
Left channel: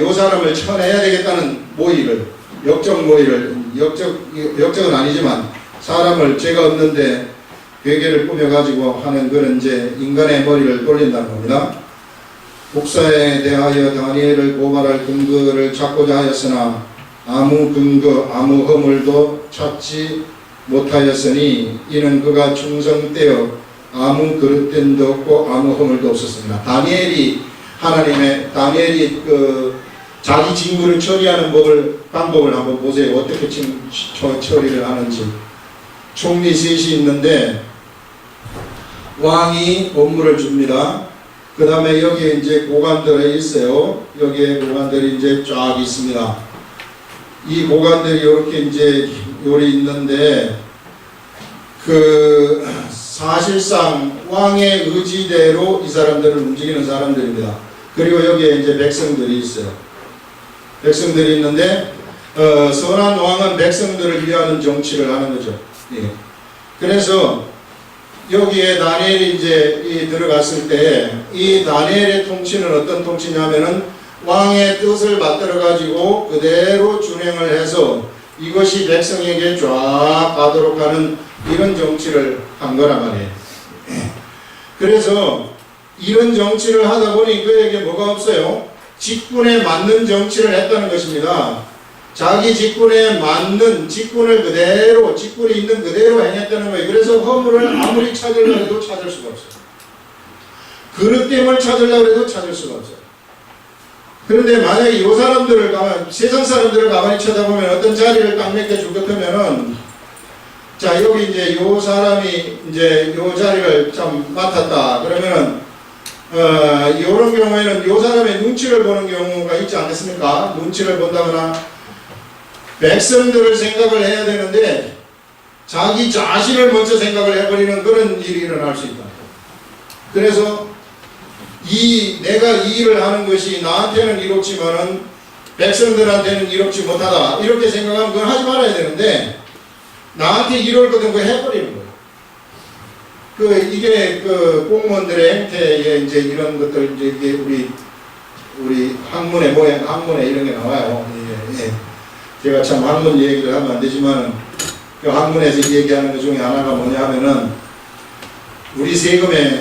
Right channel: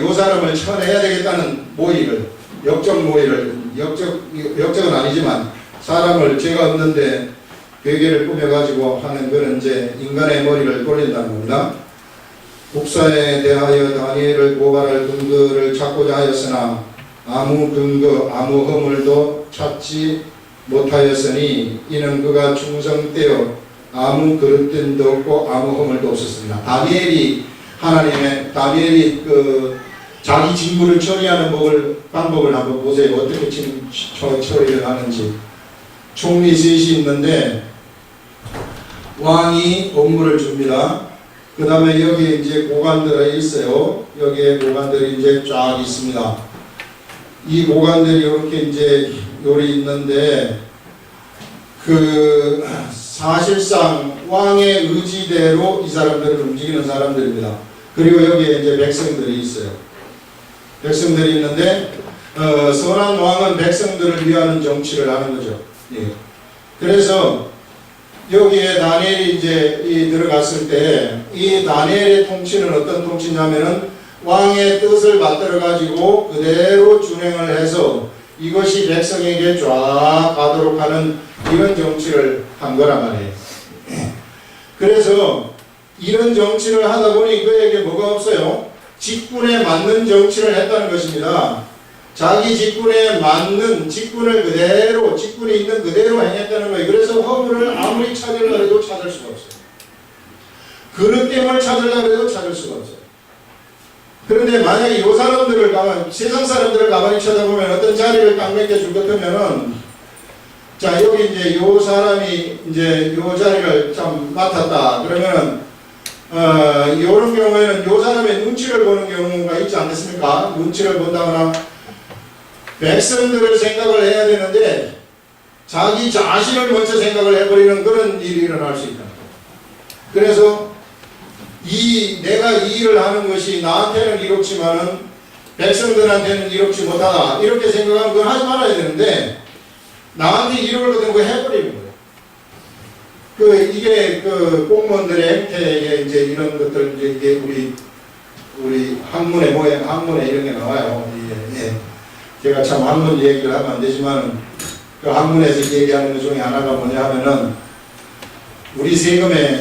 요 사람을 쳐내야 되겠다는 모의를, 역적은 아니지만 사람을 죄가 없는데 괴계를 꾸며가지고 하는 그런 이제 인간의 머리를 돌린다는 겁니다. 국사에 대하여 다니엘을 고발할 근거를 찾고자 하였으나 아무 근거 아무 허물도 찾지 못하였으니 이는 그가 충성되어 아무 그릇됨도 없고 아무 허물도 없었습니다. 다니엘이 자기 직무를 처리하는 방법을 한번 보세요. 어떻게 지금 처리를 하는지. 총리 셋이 있는데 왕이 업무를 줍니다. 그 다음에 여기에 이제 고관들이 있어요. 여기에 고관들이 이제 쫙 있습니다. 이 고관들이 이렇게 이제 요리 있는데 사실상 왕의 의지대로 이 사람들을 움직이는 사람들입니다. 그리고 여기에 이제 백성들이 있어요. 백성들이 있는데 선한 왕은 백성들을 위하는 정치를 하는 거죠. 예. 그래서 여기에 다니엘이 이제 들어갔을 때 이 다니엘의 통치는 어떤 통치냐면은 왕의 뜻을 받들어 가지고 그대로 준행을 해서 이것이 백성에게 쫙 가도록 하는 이런 정치를 한 거란 말이에요. 그래서 이런 정치를 하다 보니 그에게 뭐가 없어요? 직분에 맞는 정치를 했다는 것입니다. 자기 직분에 맞는 직분을 그대로, 직분이 있는 그대로 행했다는 거예요. 그래서 허물을 아무리 찾으려고 해도 찾을 수가 없어요. 그릇됨을 찾으려고 해도 찾을 수가 없어요. 그런데 만약에 이 사람들을 세상 사람들을 가만히 쳐다보면 어떤 자리를 딱 맡겨줄 것 같으면은, 자, 여기 이제 요 사람이 이제 요 자리를 좀 맡았다. 그러면은, 요런 경우에는 요 사람의 눈치를 보는 경우가 있지 않겠습니까? 눈치를 본다거나, 백성들을 생각을 해야 되는데, 자기 자신을 먼저 생각을 해버리는 그런 일이 일어날 수 있다. 그래서, 내가 이 일을 하는 것이 나한테는 이롭지만은 백성들한테는 이롭지 못하다. 이렇게 생각하면 그건 하지 말아야 되는데, 나한테 이럴 거든 그거 해버리는 거예요. 이게 공무원들의 행태에 이제 이런 것들, 이제 우리 학문에 이런 게 나와요. 예. 제가 참 학문 얘기를 하면 안 되지만은, 그 학문에서 얘기하는 것 중에 하나가 뭐냐 하면은, 우리 세금의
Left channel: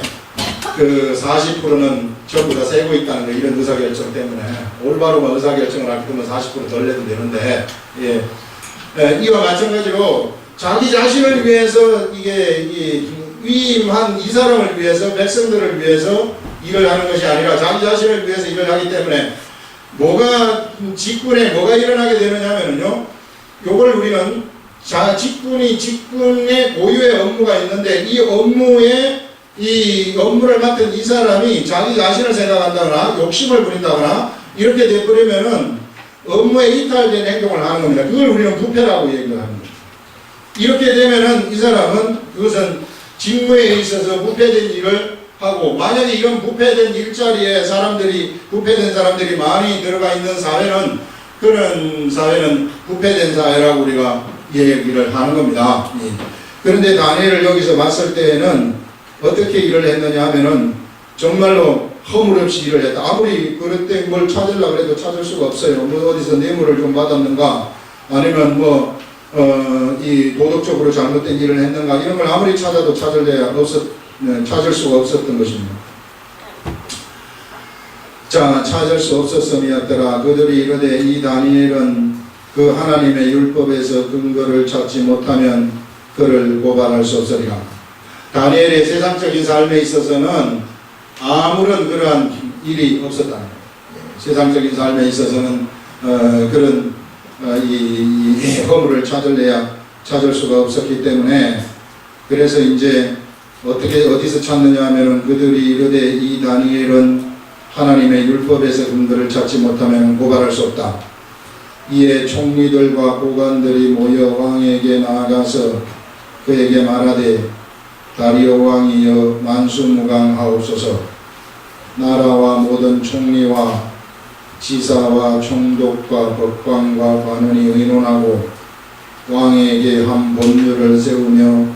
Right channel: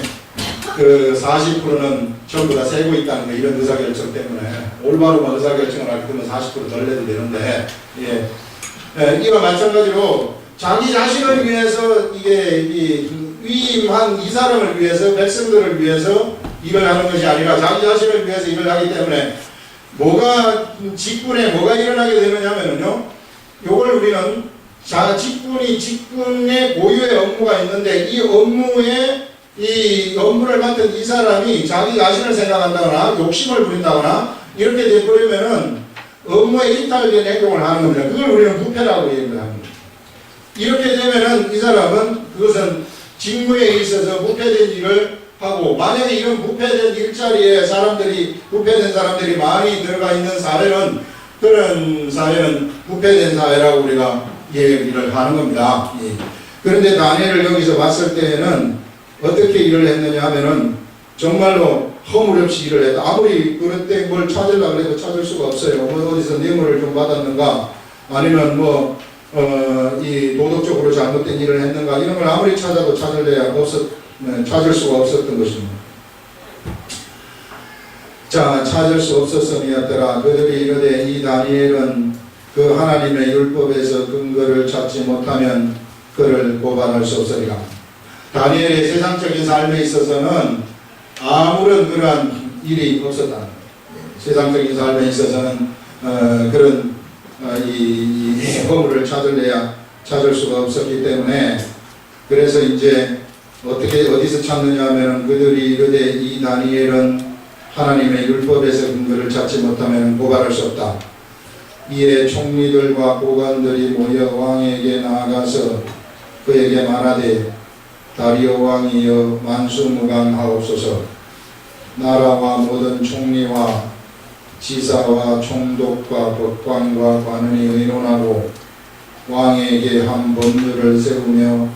40%는 전부 다 세고 있다는 거, 이런 의사결정 때문에. 올바로만 의사결정을 할 거면 40% 덜 내도 되는데, 예. 이와 마찬가지로 자기 자신을 위해서 위임한 이 사람을 위해서, 백성들을 위해서 일을 하는 것이 아니라 자기 자신을 위해서 일을 하기 때문에 직분에 뭐가 일어나게 되느냐 하면요. 요걸 우리는 직분의 고유의 업무가 있는데 이 업무를 맡은 이 사람이 자기 자신을 생각한다거나 욕심을 부린다거나 이렇게 돼버리면은 업무에 이탈된 행동을 하는 겁니다. 그걸 우리는 부패라고 얘기를 합니다. 이렇게 되면은 이 사람은 그것은 직무에 있어서 부패된 일을 하고, 만약에 이런 부패된 일자리에 부패된 사람들이 많이 들어가 있는 사회는, 그런 사회는 부패된 사회라고 우리가 얘기를 하는 겁니다. 예. 그런데 다니엘을 여기서 봤을 때에는 어떻게 일을 했느냐 하면은 정말로 허물 없이 일을 했다. 아무리 그릇된 걸 찾으려고 해도 찾을 수가 없어요. 어디서 뇌물을 좀 받았는가, 아니면 이 도덕적으로 잘못된 일을 했는가, 이런 걸 아무리 찾아도 찾을 수가 없었던 것입니다. 자, 찾을 수 없었음이었더라. 그들이 이르되 이 다니엘은 그 하나님의 율법에서 근거를 찾지 못하면 그를 고발할 수 없으리라. 다니엘의 세상적인 삶에 있어서는 아무런 그러한 일이 없었다는 거예요. 세상적인 삶에 있어서는 그런 이 허물을 찾을 수가 없었기 때문에, 그래서 이제 어디서 찾느냐 하면은 그들이 이르되 이 다니엘은 하나님의 율법에서 근거를 찾지 못하면 고발할 수 없다. 이에 총리들과 고관들이 모여 왕에게 나아가서 그에게 말하되 다리오 왕이여 만수무강하옵소서. 나라와 모든 총리와 지사와 총독과 법관과 관원이 의논하고 왕에게 한 법률을 세우며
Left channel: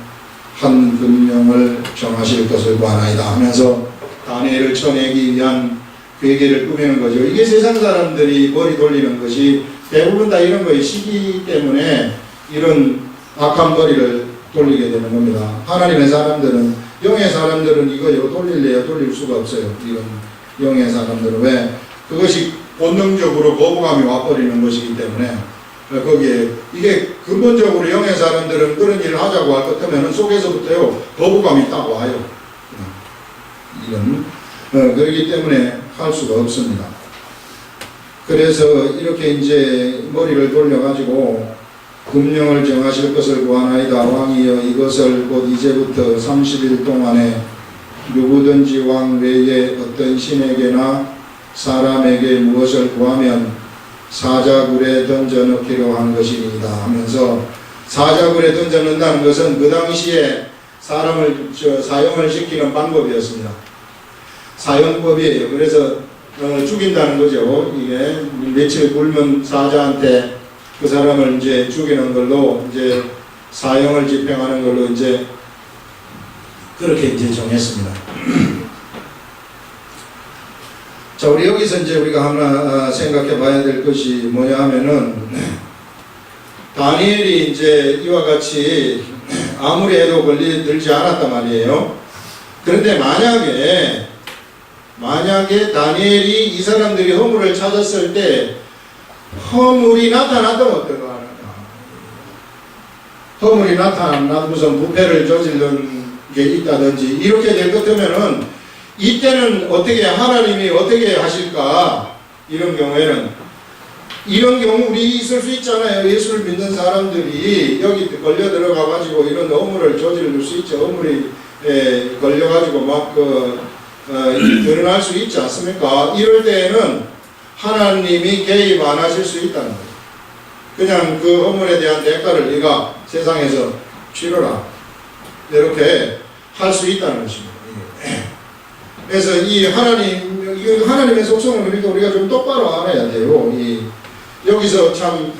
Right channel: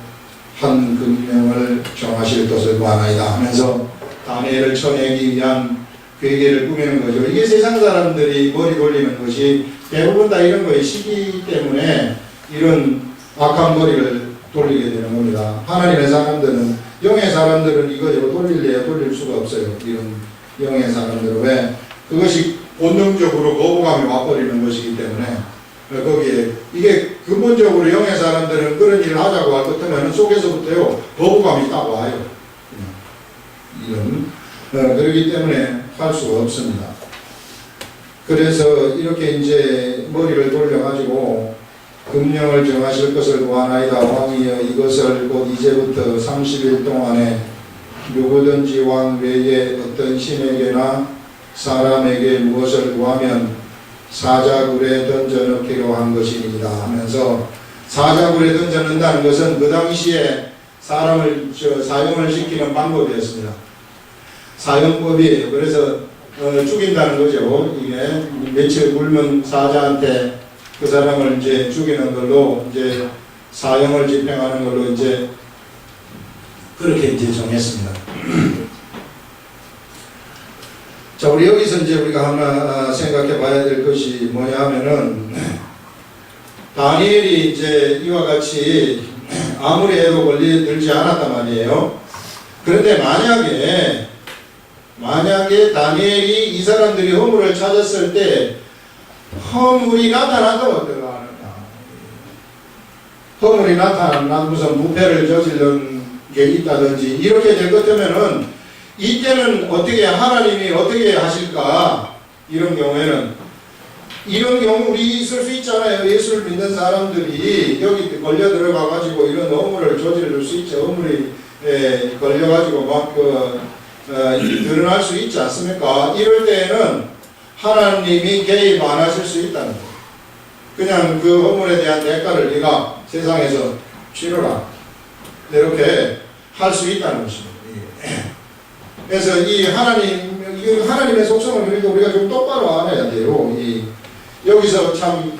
한 금령을 정하실 것을 구하나이다 하면서 다니엘을 쳐내기 위한 괴계를 꾸미는 거죠. 이게 세상 사람들이 머리 돌리는 것이 대부분 다 이런 거에 시기 때문에 이런 악한 머리를 돌리게 되는 겁니다. 하나님의 사람들은, 영의 사람들은 이거 돌릴래야 돌릴 수가 없어요. 이런 영의 사람들은. 왜? 그것이 본능적으로 거부감이 와버리는 것이기 때문에 거기에 이게 근본적으로 영의 사람들은 그런 일을 하자고 할 것 같으면 속에서부터요 거부감이 딱 와요. 이런 그렇기 때문에 할 수가 없습니다. 그래서 이렇게 이제 머리를 돌려가지고 금령을 정하실 것을 구하나이다. 왕이여 이것을 곧 이제부터 30일 동안에 누구든지 왕 외에 어떤 신에게나 사람에게 무엇을 구하면 사자굴에 던져넣기로 한 것입니다 하면서, 사자굴에 던져넣는다는 것은 그 당시에 사람을 사형을 시키는 방법이었습니다. 사형법이에요. 그래서 죽인다는 거죠. 이게 며칠 굶은 사자한테 그 사람을 이제 죽이는 걸로 이제 사형을 집행하는 걸로 이제 그렇게 이제 정했습니다. 자, 우리 여기서 이제 우리가 하나 생각해 봐야 될 것이 뭐냐 하면은, 다니엘이 이제 이와 같이 아무리 해도 걸리들지 않았단 말이에요. 그런데 만약에 다니엘이 이 사람들이 허물을 찾았을 때 허물이 나타났다면 어떤가 하느냐. 허물이 나타난 무슨 부패를 저지른 게 있다든지 이렇게 될 것 같으면은 이때는 어떻게 하나님이 어떻게 하실까? 이런 경우에는, 이런 경우 우리 있을 수 있잖아요. 예수를 믿는 사람들이 여기 걸려 들어가 가지고 이런 허물을 저지를 수 있죠. 허물이 걸려 가지고 막 드러날 수 있지 않습니까? 이럴 때에는 하나님이 개입 안 하실 수 있다는 거예요. 그냥 그 허물에 대한 대가를 네가 세상에서 치러라, 이렇게 할 수 있다는 것입니다. 그래서 이 하나님의 속성을 우리가 좀 똑바로 알아야 돼요. 여기서 참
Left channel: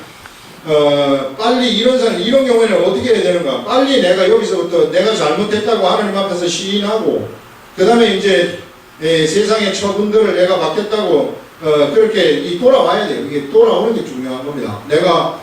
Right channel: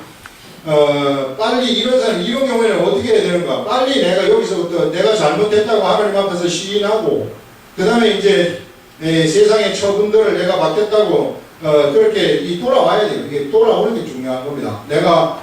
빨리 이런 경우에는 어떻게 해야 되는가? 빨리 내가 여기서부터 내가 잘못했다고 하나님 앞에서 시인하고, 그 다음에 이제 세상의 처분들을 내가 받겠다고 그렇게 돌아와야 돼요. 이게 돌아오는 게 중요한 겁니다. 내가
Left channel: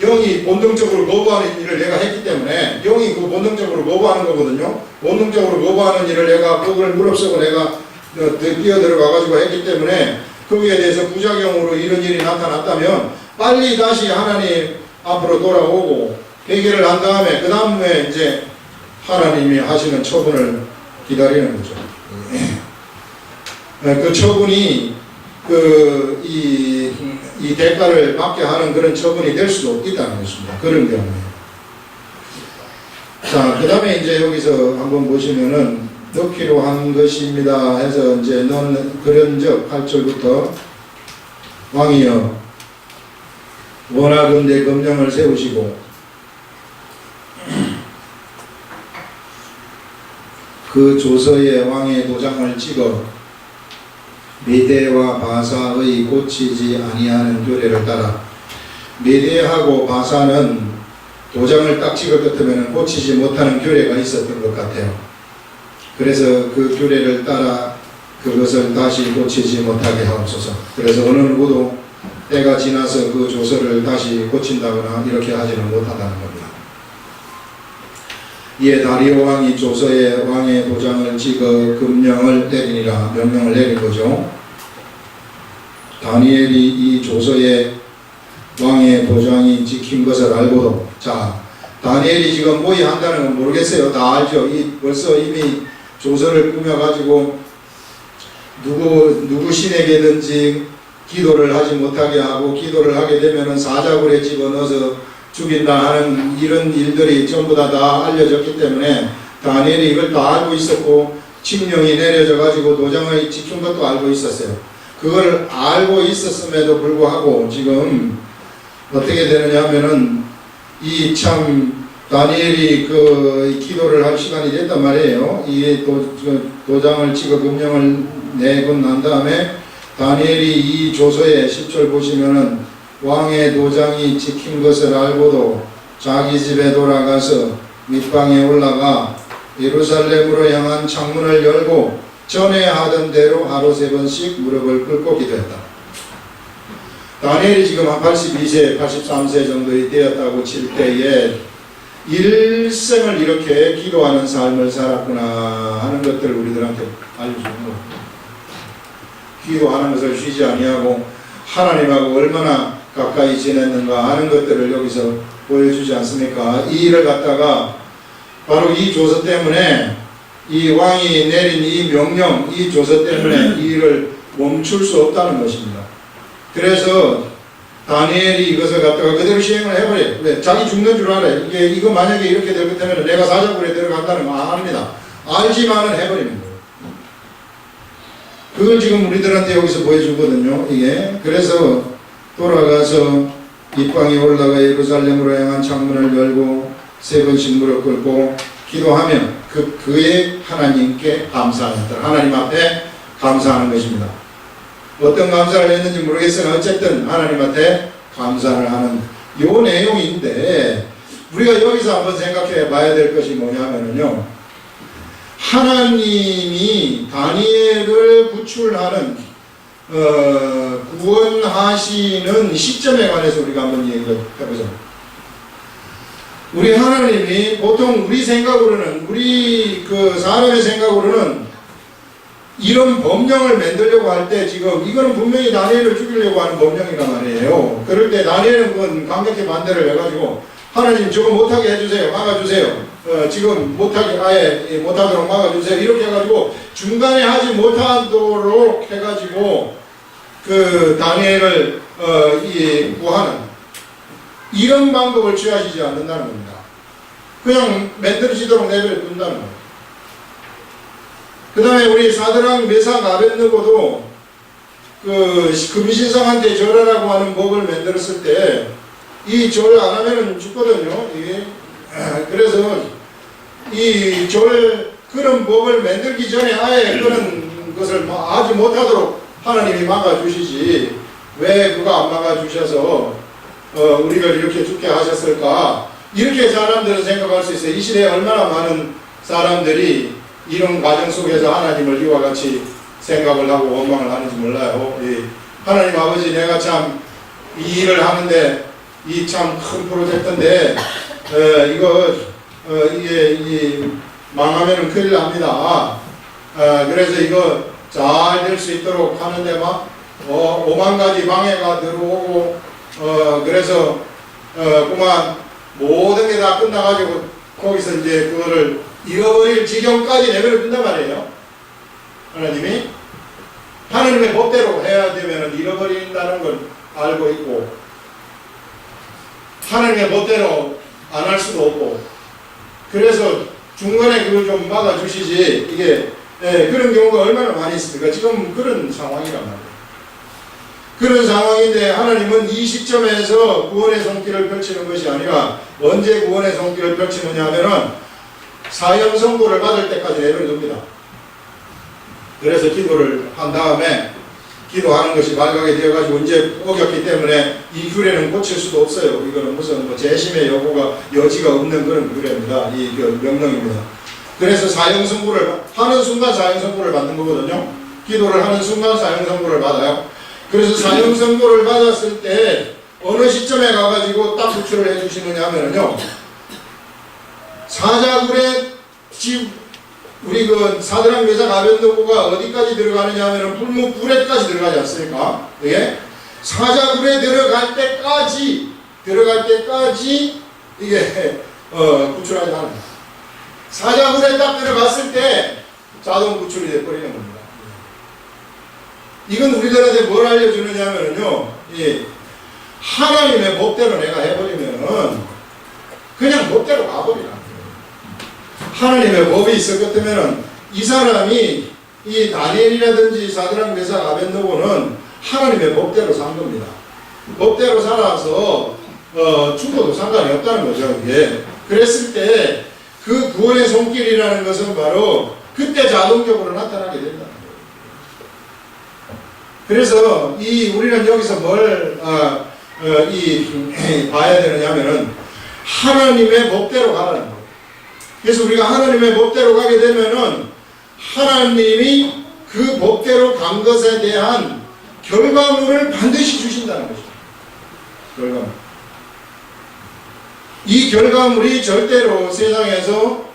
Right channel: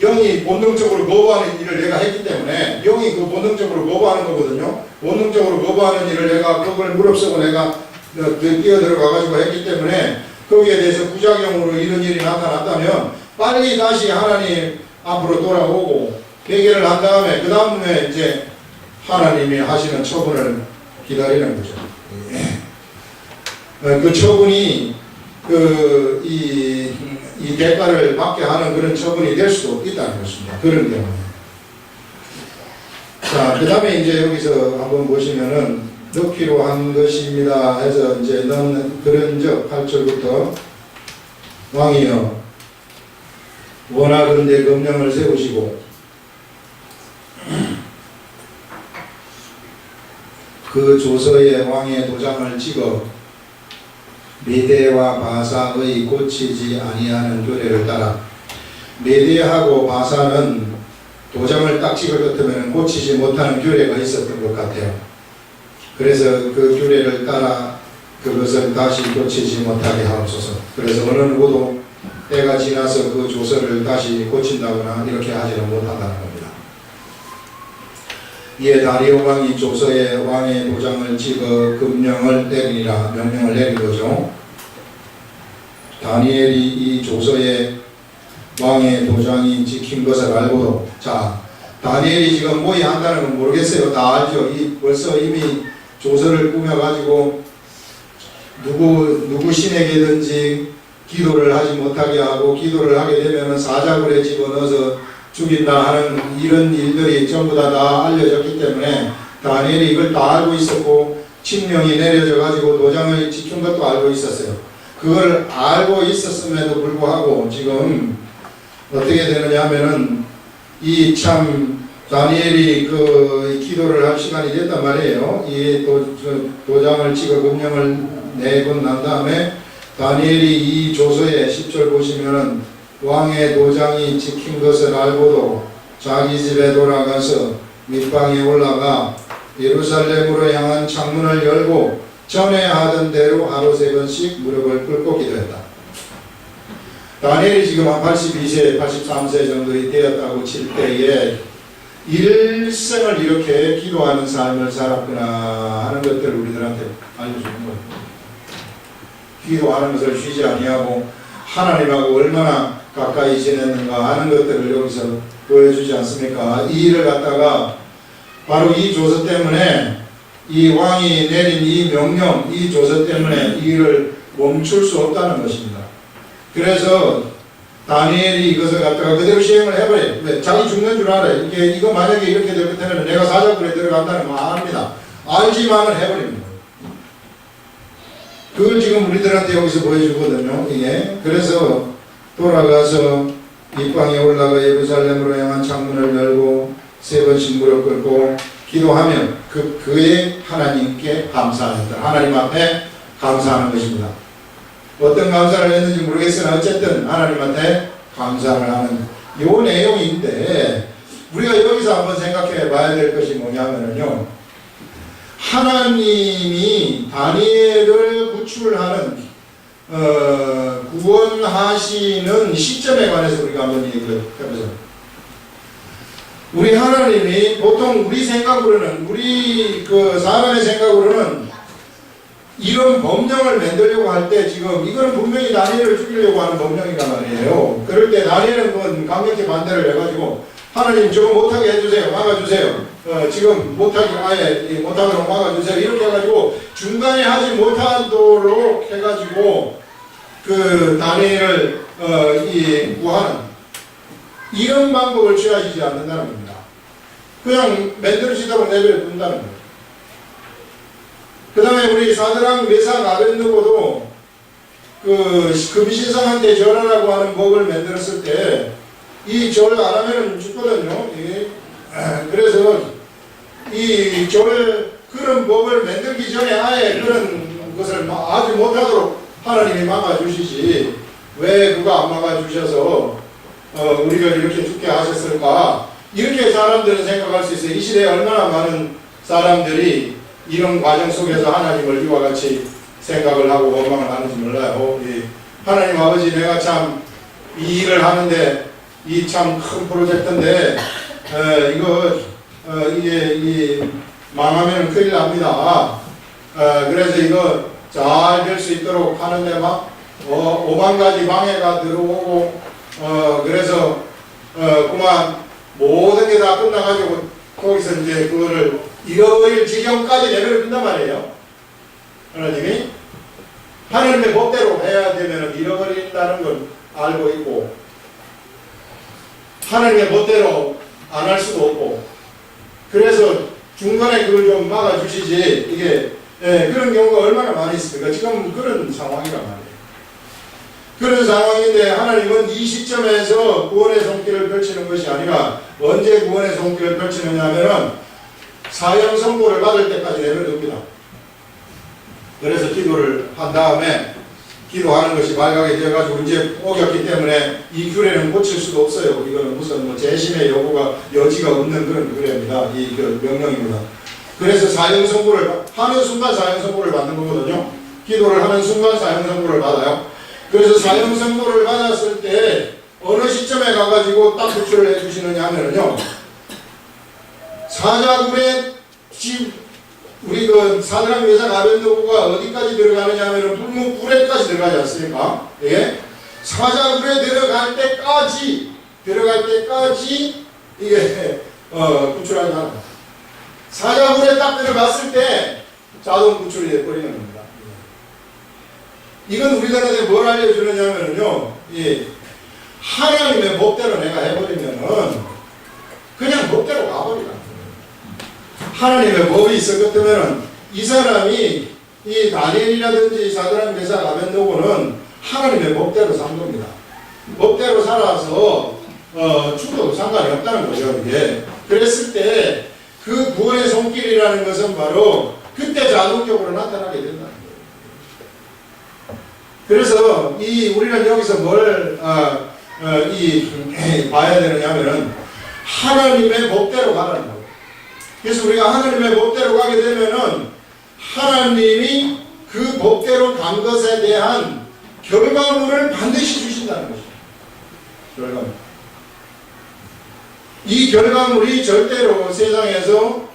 영이 본능적으로 거부하는 일을 내가 했기 때문에, 영이 그 본능적으로 거부하는 거거든요. 본능적으로 거부하는 일을 내가 그걸 무릅쓰고 내가 뛰어들어가가지고 했기 때문에 거기에 대해서 부작용으로 이런 일이 나타났다면 빨리 다시 하나님 앞으로 돌아오고 회개를 한 다음에 그 다음에 이제 하나님이 하시는 처분을 기다리는 거죠. 그 처분이 이 대가를 받게 하는 그런 처분이 될 수도 있다는 것입니다. 그런 경우에. 자, 그 다음에 이제 여기서 한번 보시면은 넣기로 한 것입니다 해서 이제 넣는 그런즉 8절부터 왕이여 원하건대 검령을 세우시고 그 조서에 왕의 도장을 찍어 메대와 바사의 고치지 아니하는 규례를 따라, 메대하고 바사는 도장을 딱 찍을 것 같으면 고치지 못하는 규례가 있었던 것 같아요. 그래서 그 규례를 따라 그것을 다시 고치지 못하게 하옵소서. 그래서 어느 누구도 때가 지나서 그 조서를 다시 고친다거나 이렇게 하지는 못하다는 겁니다. 이에 다리오 왕이 조서에 왕의 도장을 찍어 금령을 내리니라 명령을 내린 거죠. 다니엘이 이 조서에 왕의 도장이 찍힌 것을 알고도, 자, 다니엘이 지금 모의한다는 건 모르겠어요. 다 알죠. 벌써 이미 조서를 꾸며가지고 누구 신에게든지 기도를 하지 못하게 하고, 기도를 하게 되면은 사자굴에 집어넣어서 죽인다 하는 이런 일들이 전부 다 알려졌기 때문에 다니엘이 이걸 다 알고 있었고, 칙령이 내려져 가지고 도장을 찍힌 것도 알고 있었어요. 그걸 알고 있었음에도 불구하고 지금 어떻게 되느냐 하면은 이 참 다니엘이 그 기도를 할 시간이 됐단 말이에요. 이 도장을 찍어 금령을 내고 난 다음에 다니엘이 이 조서에 10절 보시면은 왕의 도장이 찍힌 것을 알고도 자기 집에 돌아가서 윗방에 올라가 예루살렘으로 향한 창문을 열고 전에 하던 대로 하루 3번씩 무릎을 꿇고 기도했다. 다니엘이 지금 한 82세, 83세 정도 되었다고 칠 때에 일생을 이렇게 기도하는 삶을 살았구나 하는 것들을 우리들한테 알려주는 거예요. 기도하는 것을 쉬지 아니하고 하나님하고 얼마나 가까이 지냈는가 하는 것들을 여기서 보여주지 않습니까? 이 일을 갖다가 바로 이 조서 때문에, 이 왕이 내린 이 명령, 이 조서 때문에 이 일을 멈출 수 없다는 것입니다. 그래서 다니엘이 이것을 갖다가 그대로 시행을 해버려요. 왜? 자기 죽는 줄 알아요. 이거 만약에 이렇게 될 것 같으면 내가 사자굴에 들어간다는 거 압니다. 알지만은 해버리는 거예요. 그걸 지금 우리들한테 여기서 보여주거든요. 이게. 그래서 돌아가서 입방에 올라가 예루살렘으로 향한 창문을 열고 세 번씩 무릎 꿇고 기도하며 그의 하나님께 감사하였다. 하나님 앞에 감사하는 것입니다. 어떤 감사를 했는지 모르겠으나 어쨌든 하나님한테 감사를 하는 이 내용인데, 우리가 여기서 한번 생각해 봐야 될 것이 뭐냐면요, 하나님이 다니엘을 구출하는 구원하시는 시점에 관해서 우리가 한번 얘기를 해보자. 우리 하나님이 보통 우리 생각으로는, 우리 그 사람의 생각으로는 이런 법령을 만들려고 할 때 지금 이거는 분명히 다니엘을 죽이려고 하는 법령이란 말이에요. 그럴 때 다니엘은 뭐 강력히 반대를 해가지고 하나님 저거 못하게 해주세요. 막아주세요. 지금 못하게 아예 못하도록 막아주세요. 이렇게 해가지고 중간에 하지 못하도록 해가지고 그 다니엘을 구하는 이런 방법을 취하시지 않는다는 겁니다. 그냥 만들어지도록 내버려 둔다는 거예요. 그 다음에 우리 사드랑 메삭 아벳느고도 그 금신상한테 절하라고 하는 법을 만들었을 때 이 절 안 하면은 죽거든요. 그래서 이 절 그런 법을 만들기 전에 아예 그런 것을 아주 못하도록 하나님이 막아주시지, 왜 그거 안 막아주셔서 우리를 이렇게 죽게 하셨을까? 이렇게 사람들은 생각할 수 있어요. 이 시대에 얼마나 많은 사람들이 이런 과정 속에서 하나님을 이와 같이 생각을 하고 원망을 하는지 몰라요. 하나님 아버지, 내가 참 이 일을 하는데 이 참 큰 프로젝트인데 이게 망하면 큰일 납니다. 그래서 이거 잘 될 수 있도록 하는데 막 5만 가지 방해가 들어오고 그래서 그만 모든 게 다 끝나가지고 거기서 이제 그거를 잃어버릴 지경까지 내버려 둔단 말이에요. 하나님이 하나님의 법대로 해야 되면 잃어버린다는 걸 알고 있고, 하나님의 법대로 안 할 수도 없고, 그래서 중간에 그걸 좀 막아주시지. 이게 그런 경우가 얼마나 많이 있습니까? 지금 그런 상황이란 말이에요. 그런 상황인데 하나님은 이 시점에서 구원의 손길을 펼치는 것이 아니라 언제 구원의 손길을 펼치느냐 하면은 사형 선고를 받을 때까지 내버려둡니다. 그래서 기도를 한 다음에 기도하는 것이 말하게 되어가지고 이제 어겼기 때문에 이 규례는 고칠 수도 없어요. 이거는 무슨 뭐 재심의 여지가 없는 그런 규례입니다. 이 명령입니다. 그래서 사형 선고를 하는 순간 사형 선고를 받는 거거든요. 기도를 하는 순간 사형 선고를 받아요. 그래서 사형 선고를 받았을 때 어느 시점에 가가지고 딱 구출을 해주시느냐 하면요, 사자굴에 지금 우리 그 사드락 메삭 아벳느고가 어디까지 들어가느냐 하면 불에까지 들어가지 않습니까? 예? 사자굴에 들어갈 때까지 이게 구출하지 않아요. 사자굴에 딱 들어갔을 때 자동 구출이 돼버리는 겁니다. 이건 우리들한테 뭘 알려주느냐면요, 하나님의 법대로 내가 해버리면은 그냥 법대로 가버리라. 하나님의 법이 있었겠다면은 이 사람이 이 다니엘이라든지 사드락 메삭 아벳느고는 하나님의 법대로 산 겁니다. 법대로 살아서 죽어도 상관이 없다는 거죠. 이게 그랬을 때 그 구원의 손길이라는 것은 바로 그때 자동적으로 나타나게 된다는 거예요. 그래서 우리는 여기서 뭘 봐야 되느냐면은 하나님의 법대로 가라는 거예요. 그래서 우리가 하나님의 법대로 가게 되면은 하나님이 그 법대로 간 것에 대한 결과물을 반드시 주신다는 거죠. 결과물. 이 결과물이 절대로 세상에서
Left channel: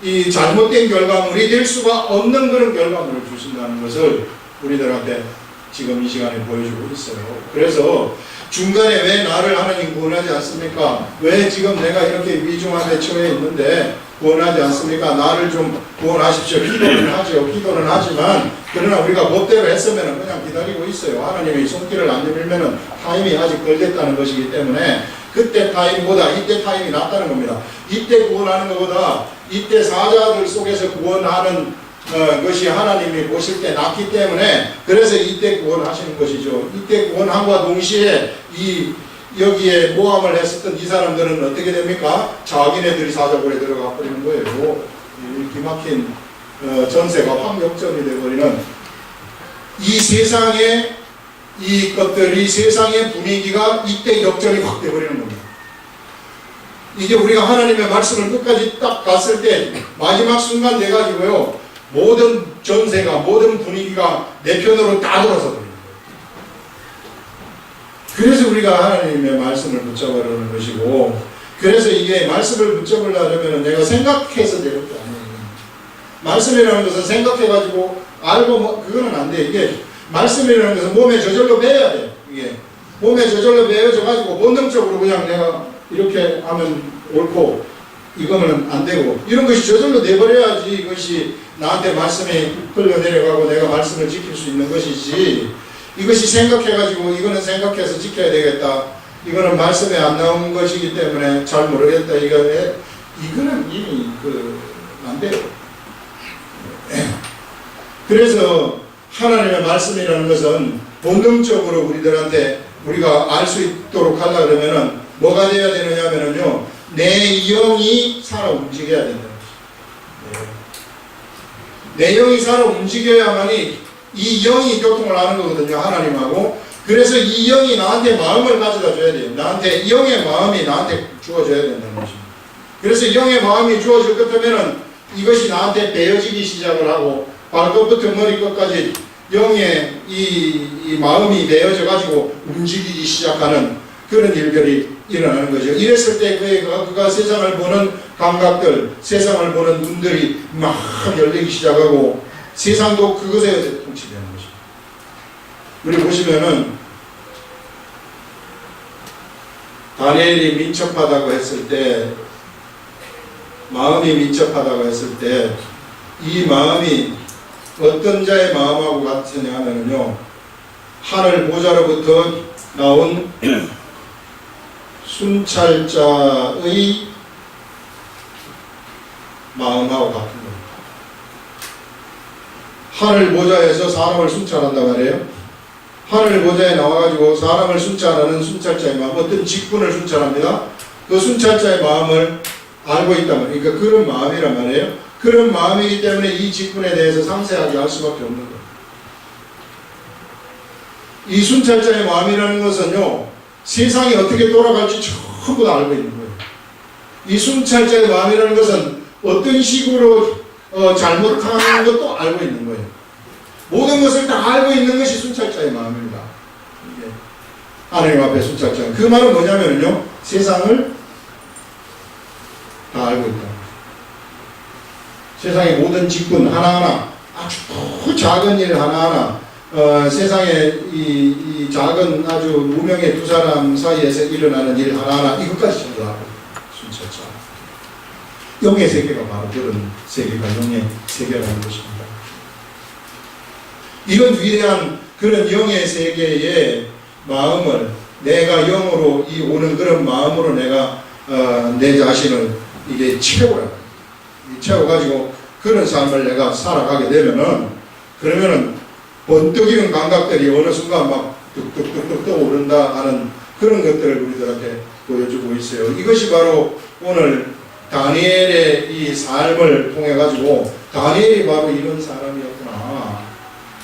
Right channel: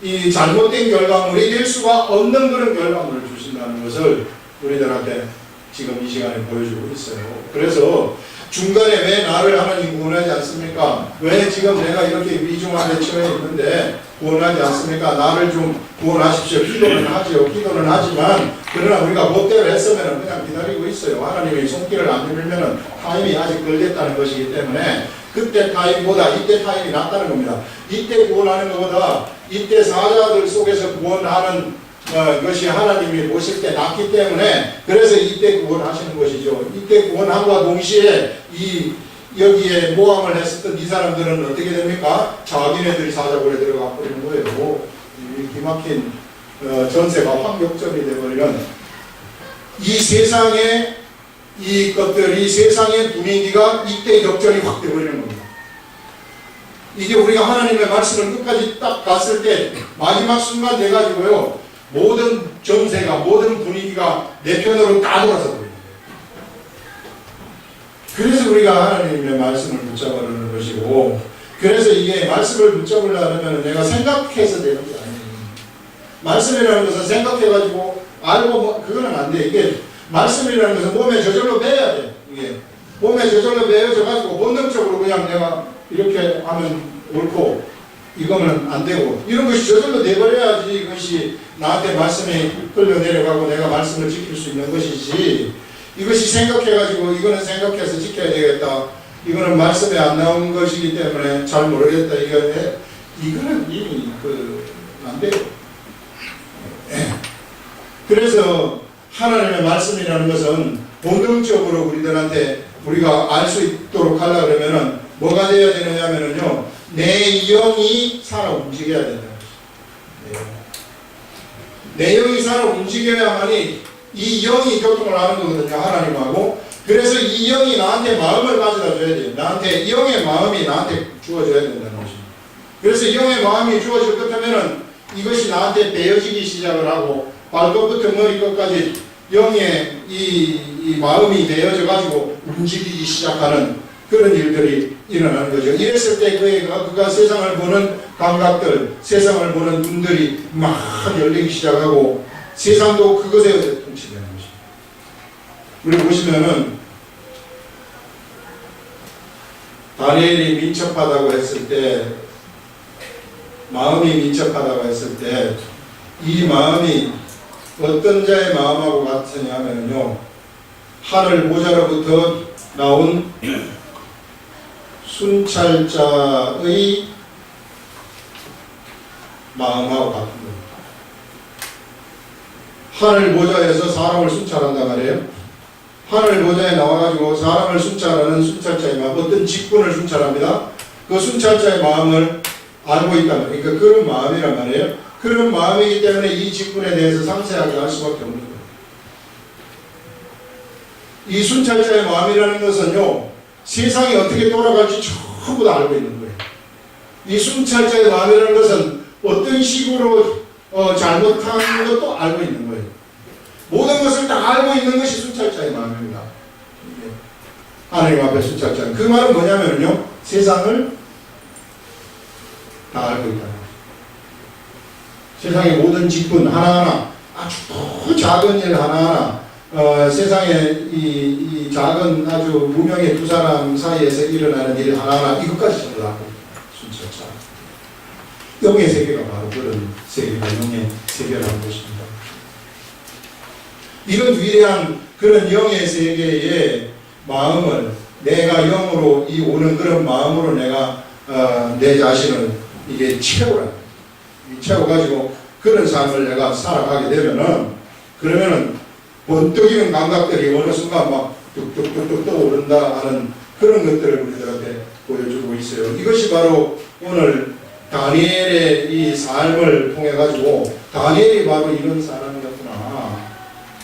이 잘못된 결과물이 될 수가 없는 그런 결과물을 주신다는 것을 우리들한테 지금 이 시간에 보여주고 있어요. 그래서 중간에 왜 나를 하나님 구원하지 않습니까? 왜 지금 내가 이렇게 위중함에 처해 있는데 구원하지 않습니까? 나를 좀 구원하십시오. 기도는 하죠. 기도는 하지만 그러나 우리가 법대로 했으면 그냥 기다리고 있어요. 하나님이 손길을 안 내밀면 타임이 아직 걸렸다는 것이기 때문에 그때 타임보다 이때 타임이 낫다는 겁니다. 이때 구원하는 것보다 이때 사자들 속에서 구원하는 것이 하나님이 보실 때 낫기 때문에 그래서 이때 구원하시는 것이죠. 이때 구원함과 동시에 여기에 모함을 했었던 이 사람들은 어떻게 됩니까? 자기네들이 사자굴에 들어가 버리는 거예요. 이 기막힌 전세가 환경점이 되어버리는 이 세상의 이 것들이 세상의 분위기가 이때 역전이 확 되어버리는 겁니다. 이게 우리가 하나님의 말씀을 끝까지 딱 갔을 때 마지막 순간 돼가지고요 모든 전세가 모든 분위기가 내 편으로 다 돌아서 버리는 거예요. 그래서 우리가 하나님의 말씀을 붙잡으려는 것이고 그래서 이게 말씀을 붙잡으려면 내가 생각해서 되는 게 아니에요. 말씀이라는 것은 생각해가지고 알고 그거는 안 돼. 이게 말씀이라는 것은 몸에 저절로 배워야 돼. 이게 몸에 저절로 배워져가지고 본능적으로 그냥 내가 이렇게 하면 옳고 이거는 안 되고 이런 것이 저절로 내버려야지 이것이 나한테 말씀이 흘러내려가고 내가 말씀을 지킬 수 있는 것이지 이것이 생각해가지고 이거는 생각해서 지켜야 되겠다 이거는 말씀에 안 나온 것이기 때문에 잘 모르겠다 이거는 이미 안 돼요. 그래서 하나님의 말씀이라는 것은 본능적으로 우리들한테 우리가 알 수 있도록 하려 그러면은 뭐가 되어야 되느냐면요 내 영이 살아 움직여야 된다는 것입니다. 내 영이 살아 움직여야만이 이 영이 교통을 하는 거거든요. 하나님하고. 그래서 이 영이 나한테 마음을 가져다 줘야 돼요. 나한테 영의 마음이 나한테 주어져야 된다는 것입니다. 그래서 영의 마음이 주어질 것 같으면은 이것이 나한테 배어지기 시작을 하고 발끝부터 머리끝까지 영의 이 마음이 배어져 가지고 움직이기 시작하는 그런 일들이 일어나는 거죠. 이랬을 때 그가 세상을 보는 감각들, 세상을 보는 눈들이 막 열리기 시작하고 세상도 그것에 통치되는 것입니다. 우리 보시면은 다니엘이 민첩하다고 했을 때 마음이 민첩하다고 했을 때 이 마음이 어떤 자의 마음하고 같으냐 하면요 하늘 모자로부터 나온 순찰자의 마음하고 같은 겁니다. 하늘 모자에서 사람을 순찰한다 말이에요. 하늘 모자에 나와가지고 사람을 순찰하는 순찰자의 마음, 어떤 직분을 순찰합니다. 그 순찰자의 마음을 알고 있단 말이에요. 그러니까 그런 마음이란 말이에요. 그런 마음이기 때문에 이 직분에 대해서 상세하게 알 수밖에 없는 거예요. 이 순찰자의 마음이라는 것은요 세상이 어떻게 돌아갈지 전부 다 알고 있는 거예요. 이 순찰자의 마음이라는 것은 어떤 식으로 잘못하는 것도 알고 있는 거예요. 모든 것을 다 알고 있는 것이 순찰자의 마음입니다. 이게 하나님 앞에 순찰자. 그 말은 뭐냐면요 세상을 다 알고 있다. 세상의 모든 직분 하나하나 아주 작은 일 하나하나 세상에 이 작은 아주 무명의 두 사람 사이에서 일어나는 일 하나하나 이것까지 전부 다 순찰자. 영의 세계가 바로 그런 세계가 영의 세계라는 것입니다. 이런 위대한 그런 영의 세계의 마음을 내가 영으로 이 오는 그런 마음으로 내가 내 자신을 이게 채워가지고 그런 삶을 내가 살아가게 되면은 그러면은 번뜩이는 감각들이 어느 순간 막 뚝뚝뚝뚝 떠오른다 하는 그런 것들을 우리들한테 보여주고 있어요. 이것이 바로 오늘 다니엘의 이 삶을 통해 가지고 다니엘이 바로 이런 사람이었구나.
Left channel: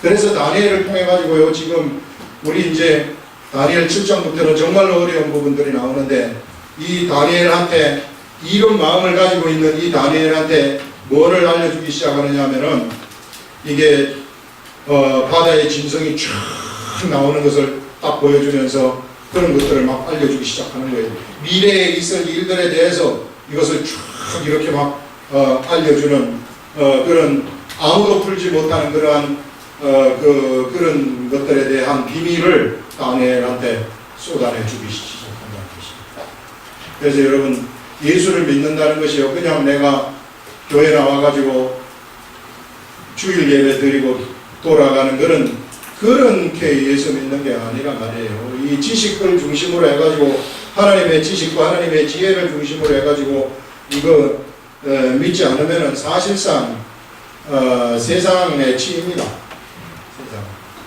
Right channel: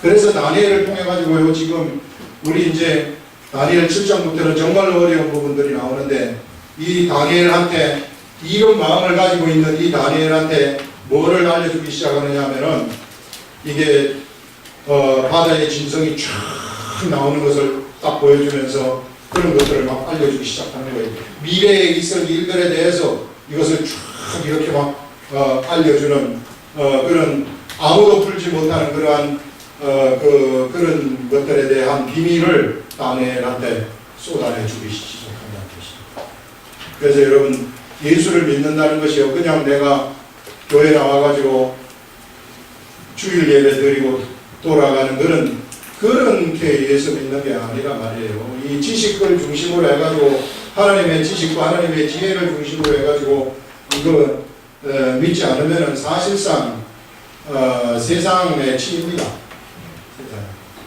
그래서 다니엘을 통해 가지고요 지금 우리 이제 다니엘 7장부터는 정말로 어려운 부분들이 나오는데 이 다니엘한테 이런 마음을 가지고 있는 이 다니엘한테 뭐를 알려주기 시작하느냐 하면은 이게 바다의 진성이 쫙 나오는 것을 딱 보여주면서 그런 것들을 막 알려주기 시작하는 거예요. 미래에 있을 일들에 대해서 이것을 쫙 이렇게 막 알려주는 그런 아무도 풀지 못하는 그러한 그런 것들에 대한 비밀을 다니엘한테 쏟아내 주기 시작한다는 것입니다. 그래서 여러분, 예수를 믿는다는 것이요, 그냥 내가 교회 나와가지고 주일 예배 드리고 돌아가는 그런 예수 믿는 게 아니라 말이에요. 이 지식을 중심으로 해가지고, 하나님의 지식과 하나님의 지혜를 중심으로 해가지고 이거 믿지 않으면은 사실상 세상의 치입니다. 세상.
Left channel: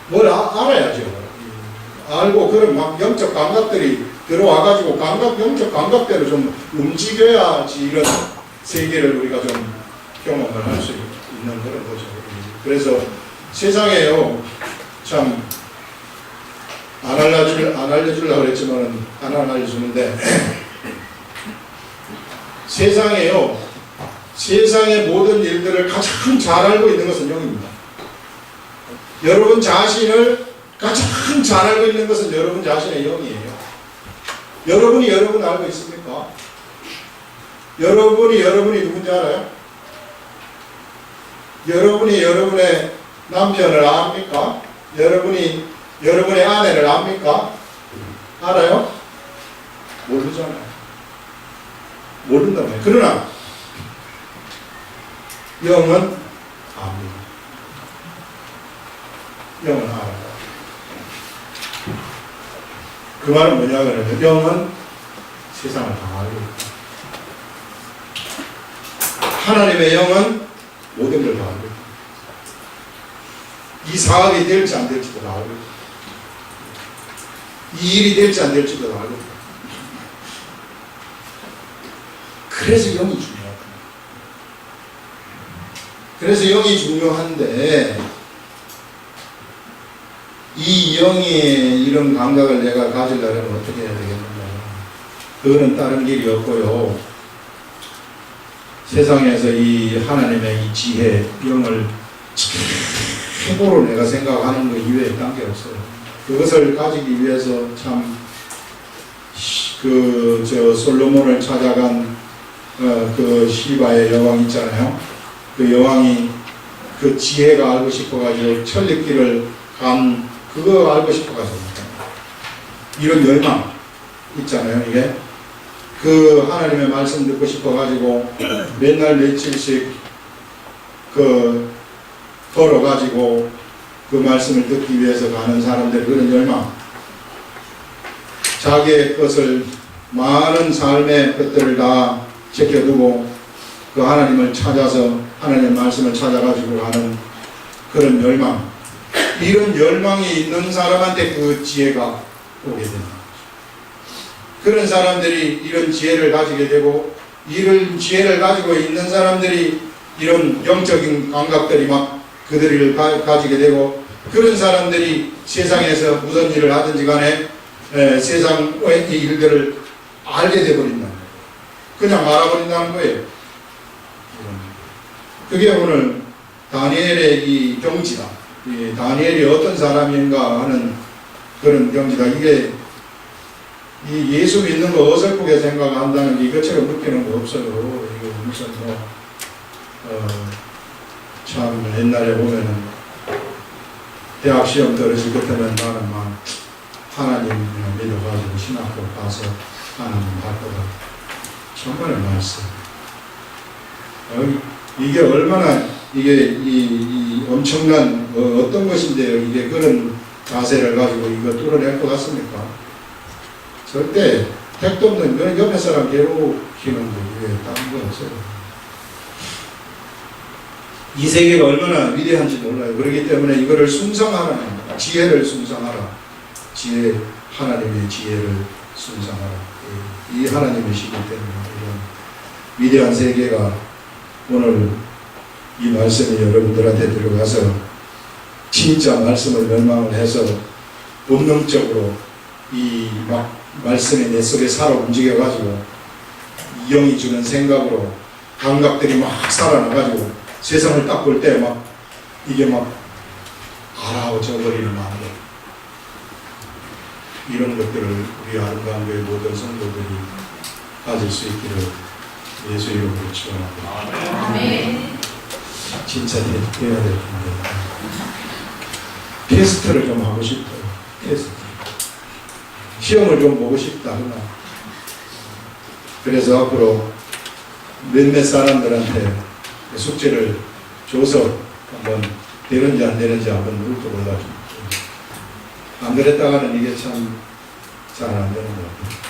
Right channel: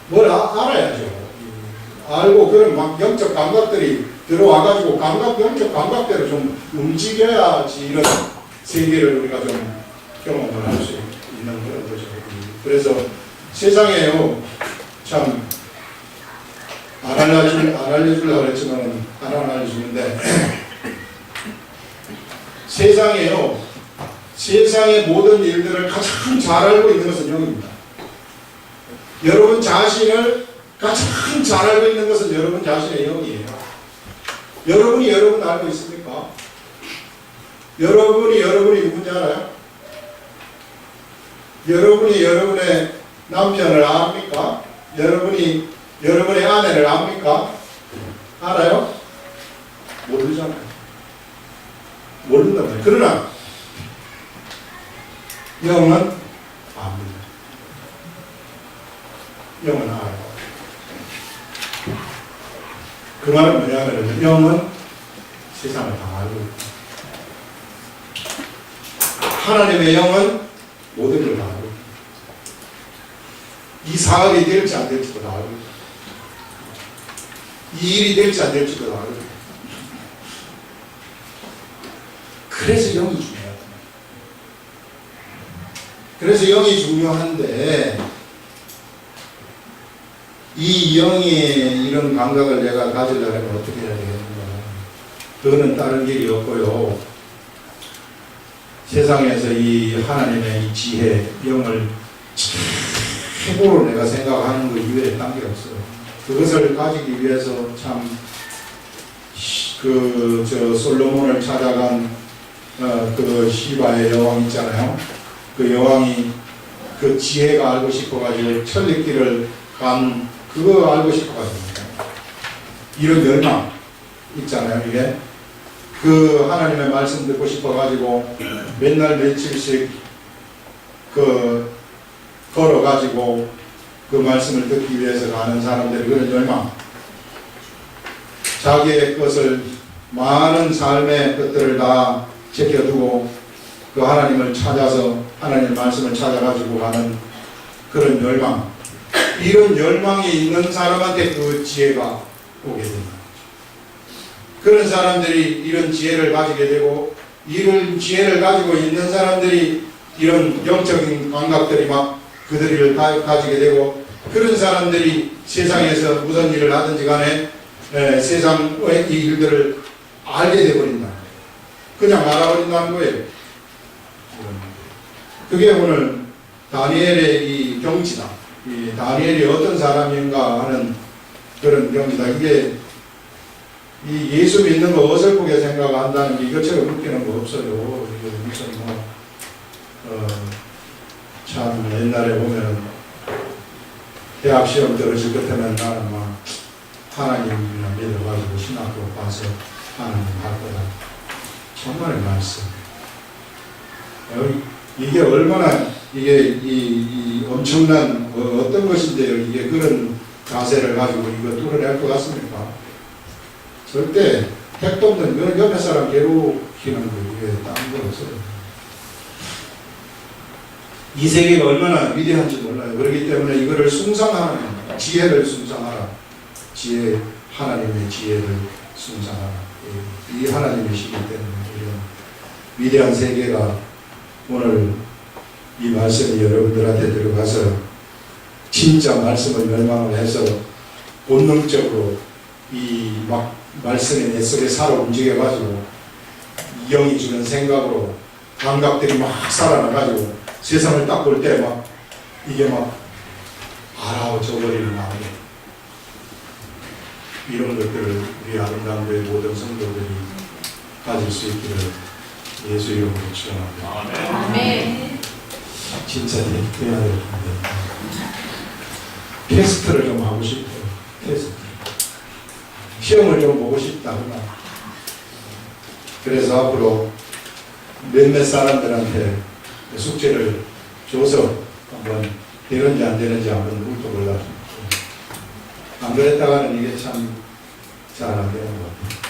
뭘 알아야죠. 알고 그런 막 영적 감각들이 들어와가지고 영적 감각대로 좀 움직여야지 이런 세계를 우리가 좀 경험을 할 수 있는 그런 거죠. 그래서 세상에요, 참 안 알려주려고 그랬지만은 안 알려주는데 세상에요, 세상의 모든 일들을 가장 잘 알고 있는 것은 영입니다. 여러분 자신을 가장 잘 알고 있는 것은 여러분 자신의 영이에요. 여러분이 여러분 알고 있습니까? 여러분이 누군지 알아요? 여러분이 여러분의 남편을 압니까? 여러분이 여러분의 아내를 압니까? 알아요? 모르잖아요. 모른단 말이에요. 그러나 영은 압니다. 영은 알아요. 그 말은 뭐냐면 영은 세상을 다 알고 있다. 하나님의 영은 모든 걸 다 알고 있다. 이 사업이 될지 안 될지도 다 알고 있다. 이 일이 될지 안 될지도 다 알고 있다. 그래서 영이 중요하다. 그래서 영이 중요한데, 이 영의 이런 감각을 내가 가지려면 어떻게 해야 되겠느냐. 그거는 다른 길이 없고요. 세상에서 이 하나님의 이 지혜, 영을 최고로 내가 생각하는 것 이외에 딴 게 없어요. 그것을 가지기 위해서 참, 솔로몬을 찾아간 그 시바의 여왕 있잖아요. 그 여왕이 그 지혜가 알고 싶어가지고 천리길을 간 그거 알고 싶어가지고 이런 열망 있잖아요. 이게 그 하나님의 말씀 듣고 싶어가지고 맨날 며칠씩 걸어가지고 그 말씀을 듣기 위해서 가는 사람들, 그런 열망, 자기의 것을 많은 삶의 것들을 다 제껴두고 그 하나님을 찾아서 하나님의 말씀을 찾아가지고 가는 그런 열망, 이런 열망이 있는 사람한테 그 지혜가 오게 된다. 그런 사람들이 이런 지혜를 가지게 되고, 이런 지혜를 가지고 있는 사람들이 이런 영적인 감각들이 막 그들을 가지게 되고, 그런 사람들이 세상에서 무슨 일을 하든지 간에 세상의 이 일들을 알게 되어버린다. 그냥 알아버린다는 거예요. 그게 오늘 다니엘의 이 경지다. 이 다니엘이 어떤 사람인가 하는 그런 경지다. 이게 이 예수 믿는 거 어설프게 생각한다는 게 이것처럼 웃기는 거 없어요. 이게 무슨 참 옛날에 보면은 대학 시험 떨어질 것 때문에 나는 막 하나님을 믿어가지고 신학교 가서 하나님 할 거다. 정말 말씀. 이게 얼마나 이게 이 엄청난 어떤 것인데요. 이게 그런 자세를 가지고 이거 뚫어낼 것 같습니까? 절대 택도 없는 건 옆에 사람 괴롭히는 거 이게 다른 건 없어요. 이 세계가 얼마나 위대한지 몰라요. 그렇기 때문에 이거를 숭상하라. 지혜를 숭상하라. 지혜, 하나님의 지혜를 숭상하라. 이 하나님의 시기 때문에 이런 위대한 세계가 오늘 이 말씀이 여러분들한테 들어가서 진짜 말씀을 멸망을 해서 본능적으로 이 막 말씀이 내 속에 살아 움직여가지고 영이 주는 생각으로 감각들이 막 살아나가지고 세상을 딱 볼 때 막 이게 막 알아져버리는 마음에 이런 것들을 우리 아름다운 교회 모든 성도들이 가질 수 있기를 예수 이름으로 축원합니다. 아멘. 진짜 돼야 될 텐데 테스트를 좀 하고 싶어요. 테스트. 시험을 좀 보고 싶다거나. 그래서 앞으로 몇몇 사람들한테 숙제를 줘서 한번 되는지 안 되는지 한번 물어보려고. 안 그랬다가는 이게 참 잘 안 되는 것 같아요.